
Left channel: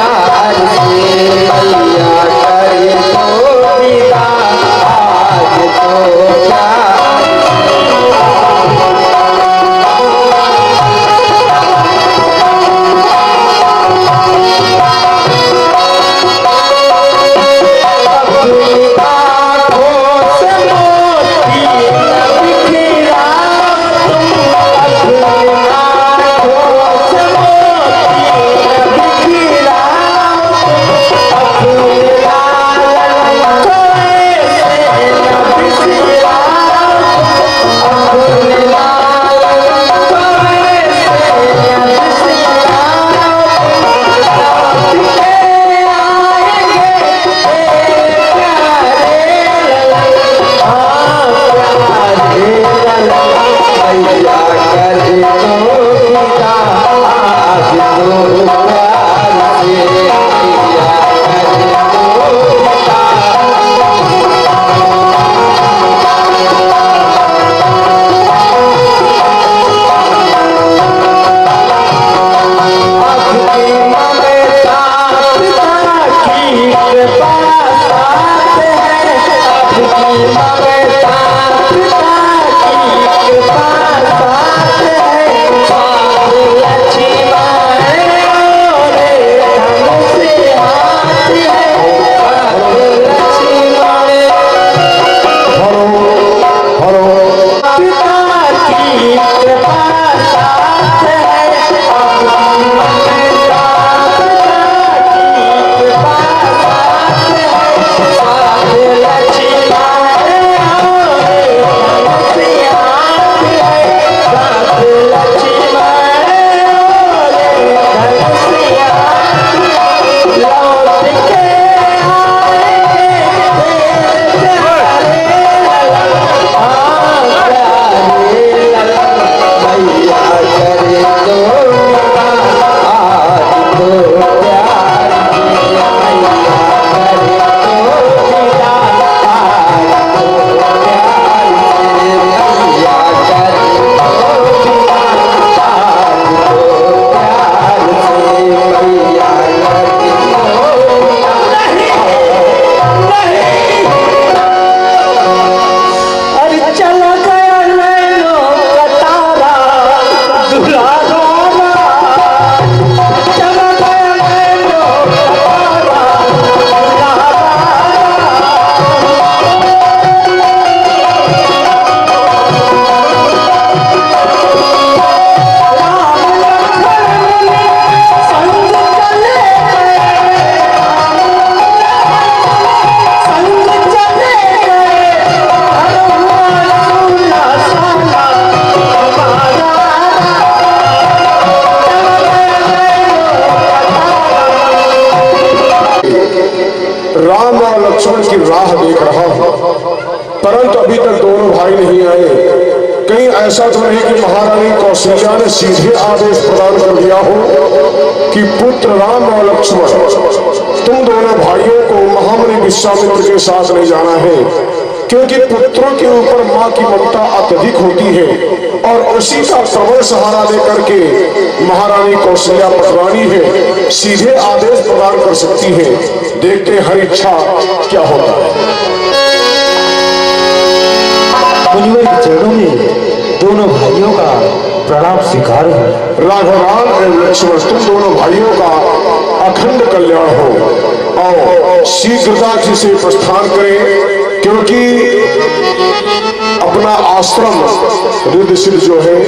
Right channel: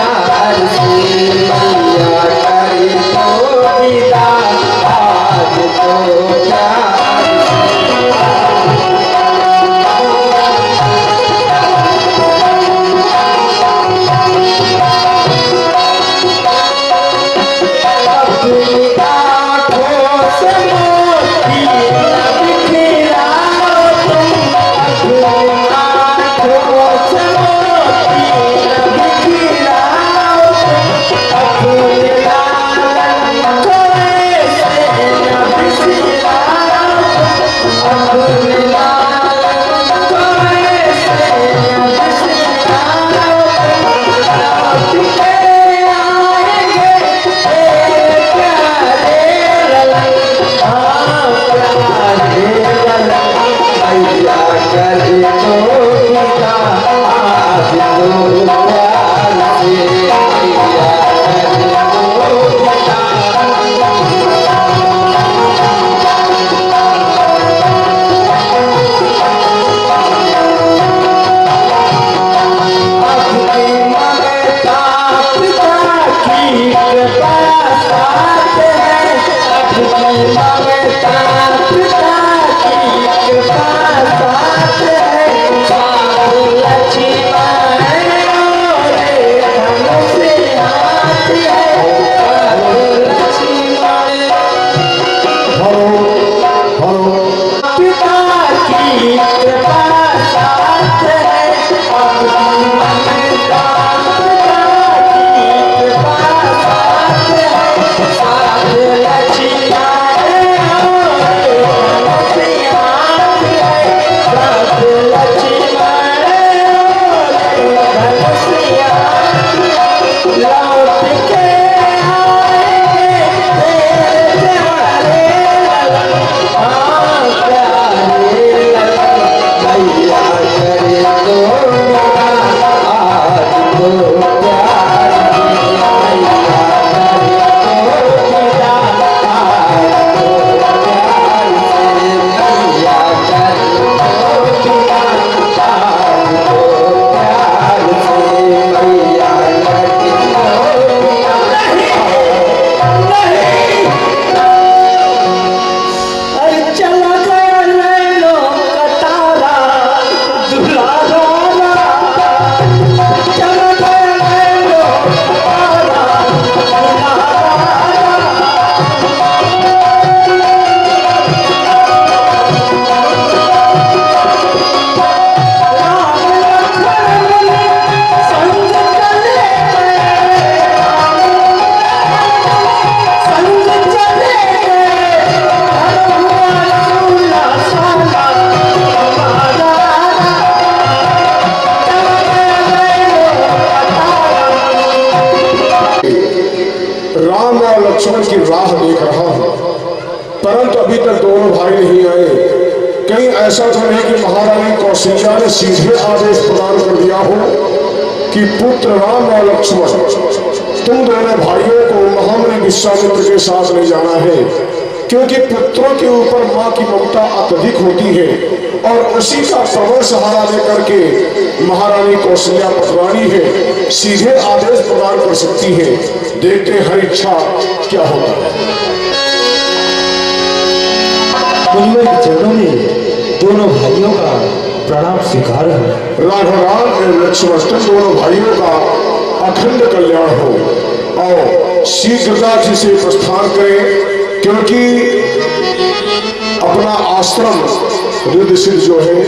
राम और लक्ष्मण की राह देख रहा हूं, परंतु अभी तक दोनों भाई नहीं आए। कहीं ऐसा तो नहीं कि महारानी कौशल्या ने सीधे आदेश प्रदान कर दिया हो कि पुत्र राम और लक्ष्मण, तुम दोनों भाइयों को महामुनि विश्वामित्र के साथ ले जाना है, क्योंकि पुत्रों के ऊपर माँ की ममता अत्यधिक होती है और उसी का प्रबल सहारा लेकर के महारानी कौशल्या पटवानी है, सीधे आदेश प्रदान कर सकती है। देखते हर इच्छा क्या होता है। मुनिवर के चरणों में दोनों भाइयों का प्रणाम स्वीकार हो। राघवराम एवं लक्ष्मण, तुम दोनों भाइयों का अखंड कल्याण हो और शीघ्रता से प्रस्थान करें, क्योंकि अपना आश्रम रिद्धसिद्ध जो है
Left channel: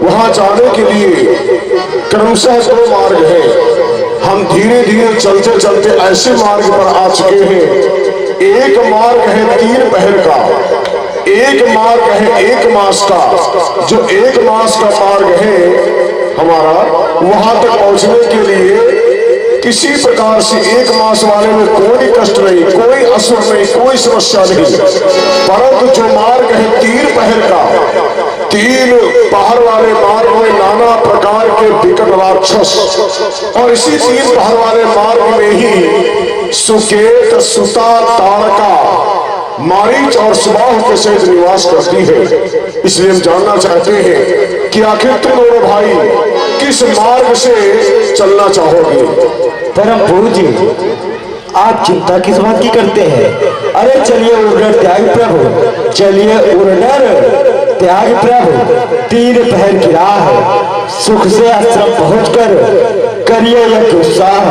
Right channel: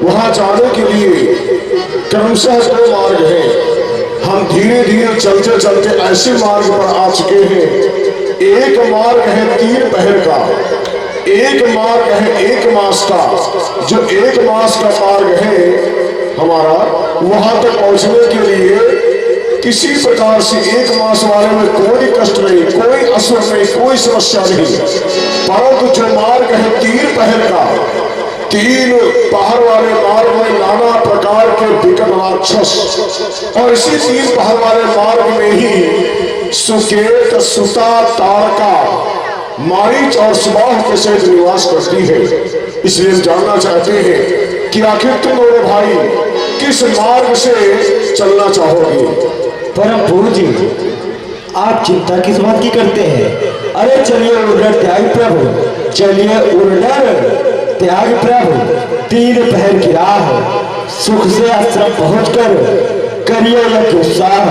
वहां जाने के लिए क्रमशः दो मार्ग है। हम धीरे धीरे चलते चलते ऐसे मार्ग पर आ चुके हैं। एक मार्ग है 3 पहर का, एक मार्ग है 1 मास का। जो 1 मास का मार्ग है हमारा, वहां तक पहुंचने के लिए किसी प्रकार से 1 मास वाले में कोई कष्ट नहीं, कोई असुर नहीं, कोई समस्या नहीं। परंतु जो मार्ग है 3 पहर का, 3 पहाड़ वाले मार्ग में नाना प्रकार के विकट राक्षस, और इसी 3 पहाड़ वाले मार्ग में ही सुकेत, सुता, ताड़का, मारीच और सुबाह के सहित निवास करती है। इसलिए हम जानना चाहते हैं कि आखिर तुम दोनों भाई किस मार्ग से चलना चाहोगे। परम पूज्य, आप चिंता किस बात की करते हैं? अरे चलिए उड़र त्याग प्रभु, चलिए उड़र त्याग प्रभु। 3 पहर की राह है, सुख से आश्रम पहुंचकर करिए यह उत्साह।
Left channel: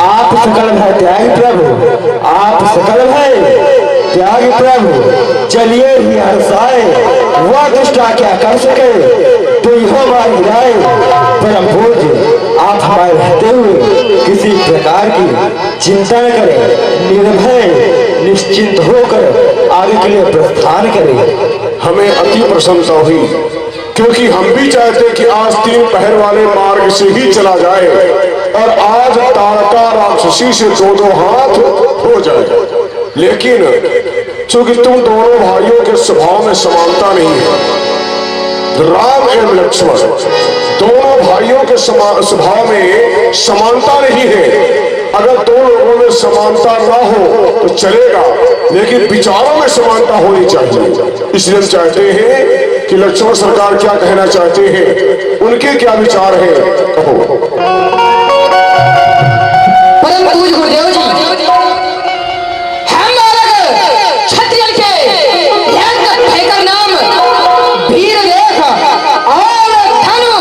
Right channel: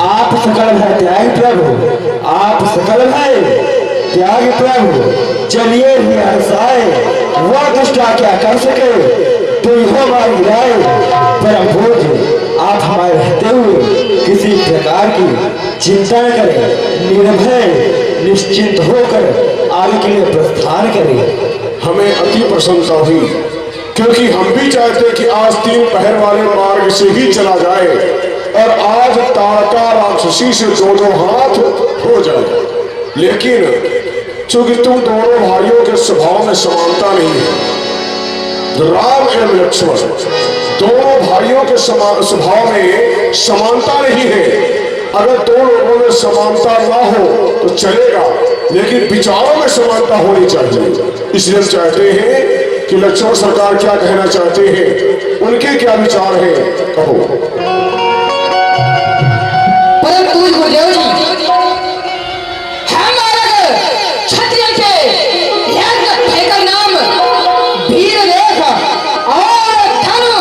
आप सकल है त्याग प्रभु, आप सकल है त्याग प्रभु। चलिए ही हर्षाए, वह दुष्टा क्या कर सके तो यह मार गिराए। परम पूज्य, आप हमारे रहते हुए किसी प्रकार की चिंता न करें, निर्भय निश्चिंत होकर आगे के लिए प्रस्थान करें। हमें अति प्रसन्नता हुई, क्योंकि हम भी चाहते कि आज 3 पहर वाले मार्ग से ही चला जाए और आज ताड़का राक्षसी से 2-2 हाथ हो जाए। लेकिन चूंकि तुम दोनों भाइयों के स्वभाव में समानता नहीं है, राम एवं लक्ष्मण दोनों भाइयों के स्वभाव में समानता नहीं है। अगर 2 लोगों में समानता ना हो तो चलेगा, लेकिन विचारों में समानता होनी चाहिए। इसलिए हम चाहते हैं कि लक्ष्मण सरकार क्या कहना चाहते हैं, उनके क्या विचार है, कहो। परम पूज्य गुरुदेव जी, हम क्षत्रिय के भयंकर नाम वीर लेख और धनु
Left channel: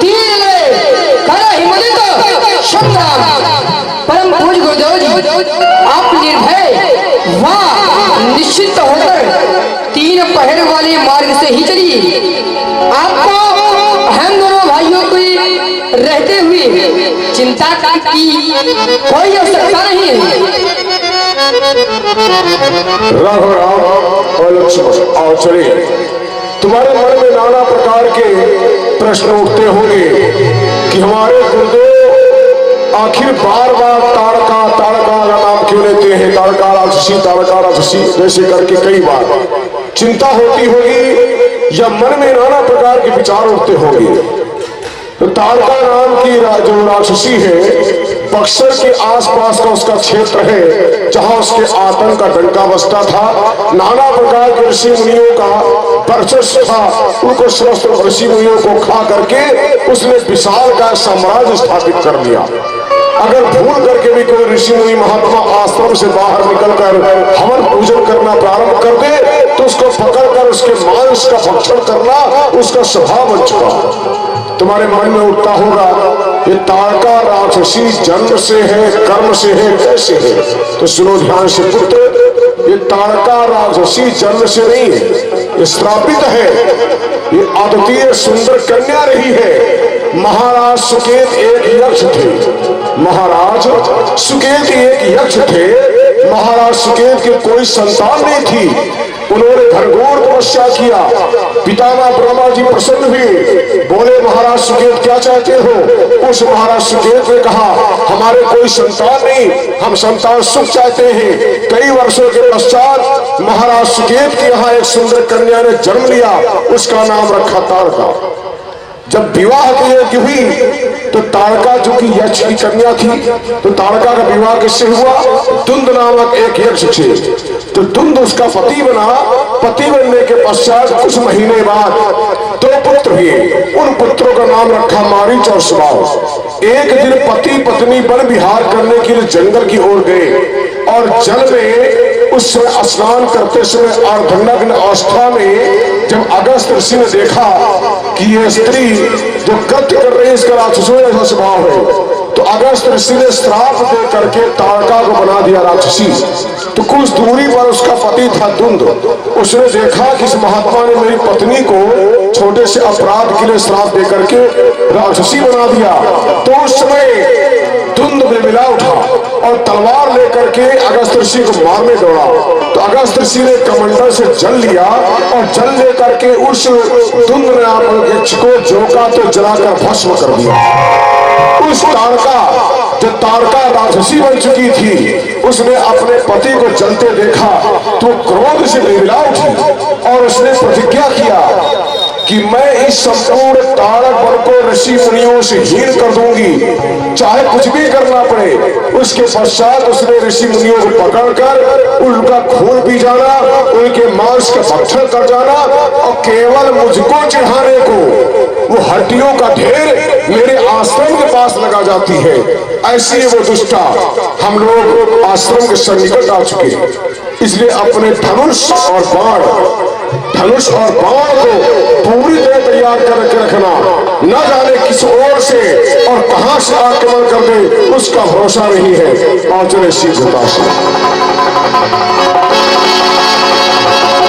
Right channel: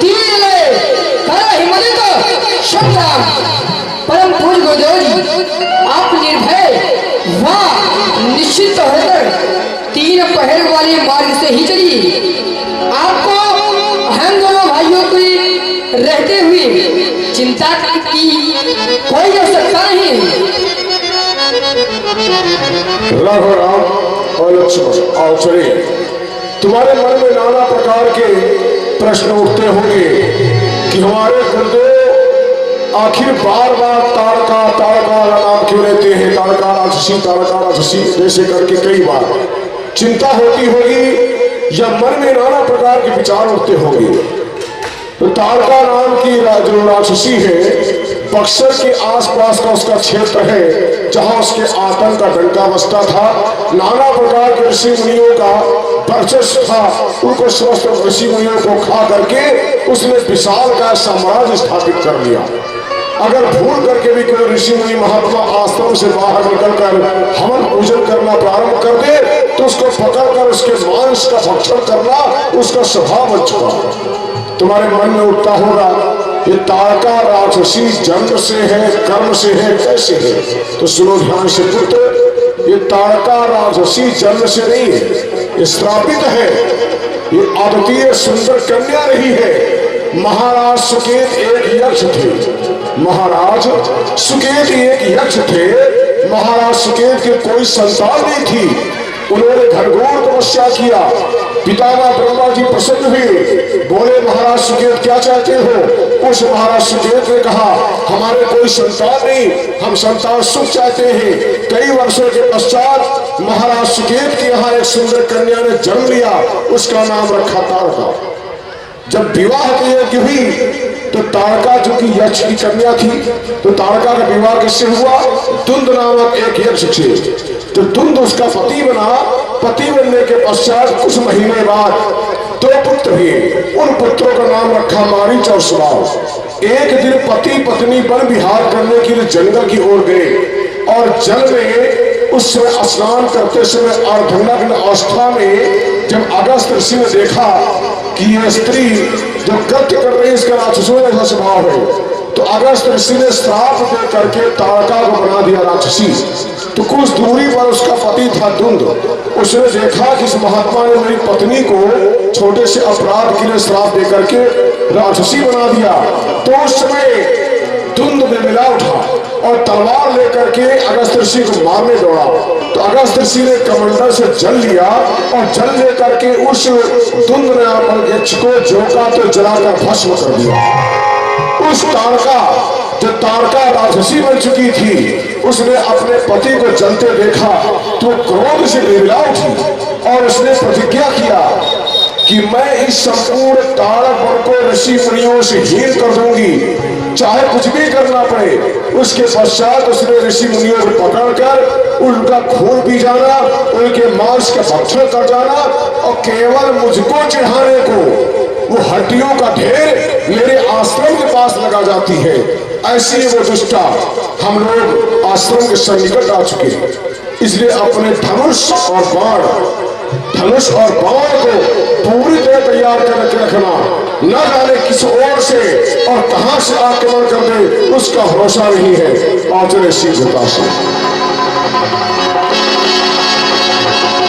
तीर ले कर हिम्मत संग्राम। परम पूज्य गुरुदेव जी, आप निर्भय व निश्चित होकर 3 पहर वाले मार्ग से ही चलिए। आपको हम दोनों भाइयों को रहते हुए चिंता की कोई आवश्यकता नहीं। राघवराम और लक्ष्मण, आओ चलिए। तुम्हारे मन में नाना प्रकार के प्रश्न उठते होंगे कि हमारे गुरुदेव आखिर बार बार ताड़का ताड़का का नाम क्यों लेते हैं, ताड़का राक्षसी जैसे करके कई बार चिंता होती होगी या मन में नाना प्रकार के विचार उठते होंगे। तो ताड़का नाम की जो राक्षसी है, बक्सर के आसपास का उसका क्षेत्र है, जहां उसके आतंक का डंका बसता था। नाना प्रकार के ऋषि मुनियों का वर्चस्व था, उनको समस्त ऋषि मुनियों को खा करके उसने विशाल का साम्राज्य स्थापित कर लिया। अगर भूल करके भी कोई ऋषि मुनि महात्मा आश्रम से बाहर निकलकर हवन पूजन करना प्रारंभ कर दे तो उसको पकड़कर उसके मांस का भक्षण करना उसका स्वभाव बन चुका। तुम्हारे मन में उठता होगा ये ताड़का राक्षसी जन्म से है, कर्म से है, कैसे है? तो सुनो ध्यान से पुत्र, ये ताड़का राक्षसी जन्म से नहीं है, ये श्रापित है। ये अद्वितीय सुंदर कन्या रही है। महाराज सुकेत एक यक्ष थे, महाराज सुकेत एक यक्ष थे। महाराज सुकेत के कोई संतान नहीं थी। उन्होंने घनघोर तपस्या किया। पितामह ब्रह्मा जी प्रसन्न हुए, बोले महाराज सुकेत क्या चाहते हो? उस महाराज सुकेत ने कहा हमारे कोई संतान नहीं, हम संतान सुख चाहते हैं। कई वर्षों के पश्चात महाराज सुकेत के यहाँ एक सुंदर कन्या ने जन्म लिया, उसका नाम रखा ताड़का। जब विवाह की यज्ञ हुई तो ताड़का जो कि यक्ष की कन्या थी, तो ताड़का का विवाह किससे हुआ? तुंद नामक एक यक्ष से। तो तुंद उसका पति बना। पति बनने के पश्चात कुछ महीने बाद 2 पुत्र हुए। उन पुत्रों का नाम रखा मारीच और सुबाहु। एक दिन पति पत्नी वन विहार करने के लिए जंगल की ओर गए और जल में उस समय स्नान करते समय अर्धनग्न अवस्था में जब अगस्त ऋषि ने देखा कि यह स्त्री जो कृत्य कर रही है इसका राक्षसों जैसा स्वभाव है, तो अगस्त ऋषि ने श्राप दे करके ताड़का को बना दिया राक्षसी। तो कुछ दूरी पर उसका पति था तुंद। उसने देखा कि इस महात्मा ने मेरी पत्नी को छोटे से अपराध के लिए श्राप दे करके राक्षसी बना दिया। तो उस समय तुंद में मिला उठा और तलवार लेकर के अगस्त ऋषि को मारने दौड़ा। तो अगस्त ऋषि ने कमंडल से जल लिया और जल लेकर के उस तुंद ने यक्ष को झोंका तो जलाकर भस्म कर दिया। उस ताड़का जो ताड़का राक्षसी बन चुकी थी, उसने अपने पति को जलते देखा तो क्रोध से बिलबिला उठी और उसने प्रतिज्ञा किया कि मैं इस संपूर्ण ताड़क वन को ऋषि मुनियों से हीन कर दूंगी, चाहे कुछ भी करना पड़े। उसके पश्चात उसने ऋषि मुनियों को पकड़कर उनका खून पी जाना, उनके मांस का भक्षण कर जाना और केवल मुझको चढ़ाने को वो हड्डियों का ढेर मेरे आश्रम के पास लगा जाती है। ऐसी वो दुष्टा। हम लोग आश्रम के सन्निकट आ चुके हैं, इसलिए अपने धनुष और बाण को पूरी तरह तैयार करके रखना। न जाने किस ओर से और कहां से आक्रमण कर दे उसका भरोसा नहीं है। और चले शीघ्रता से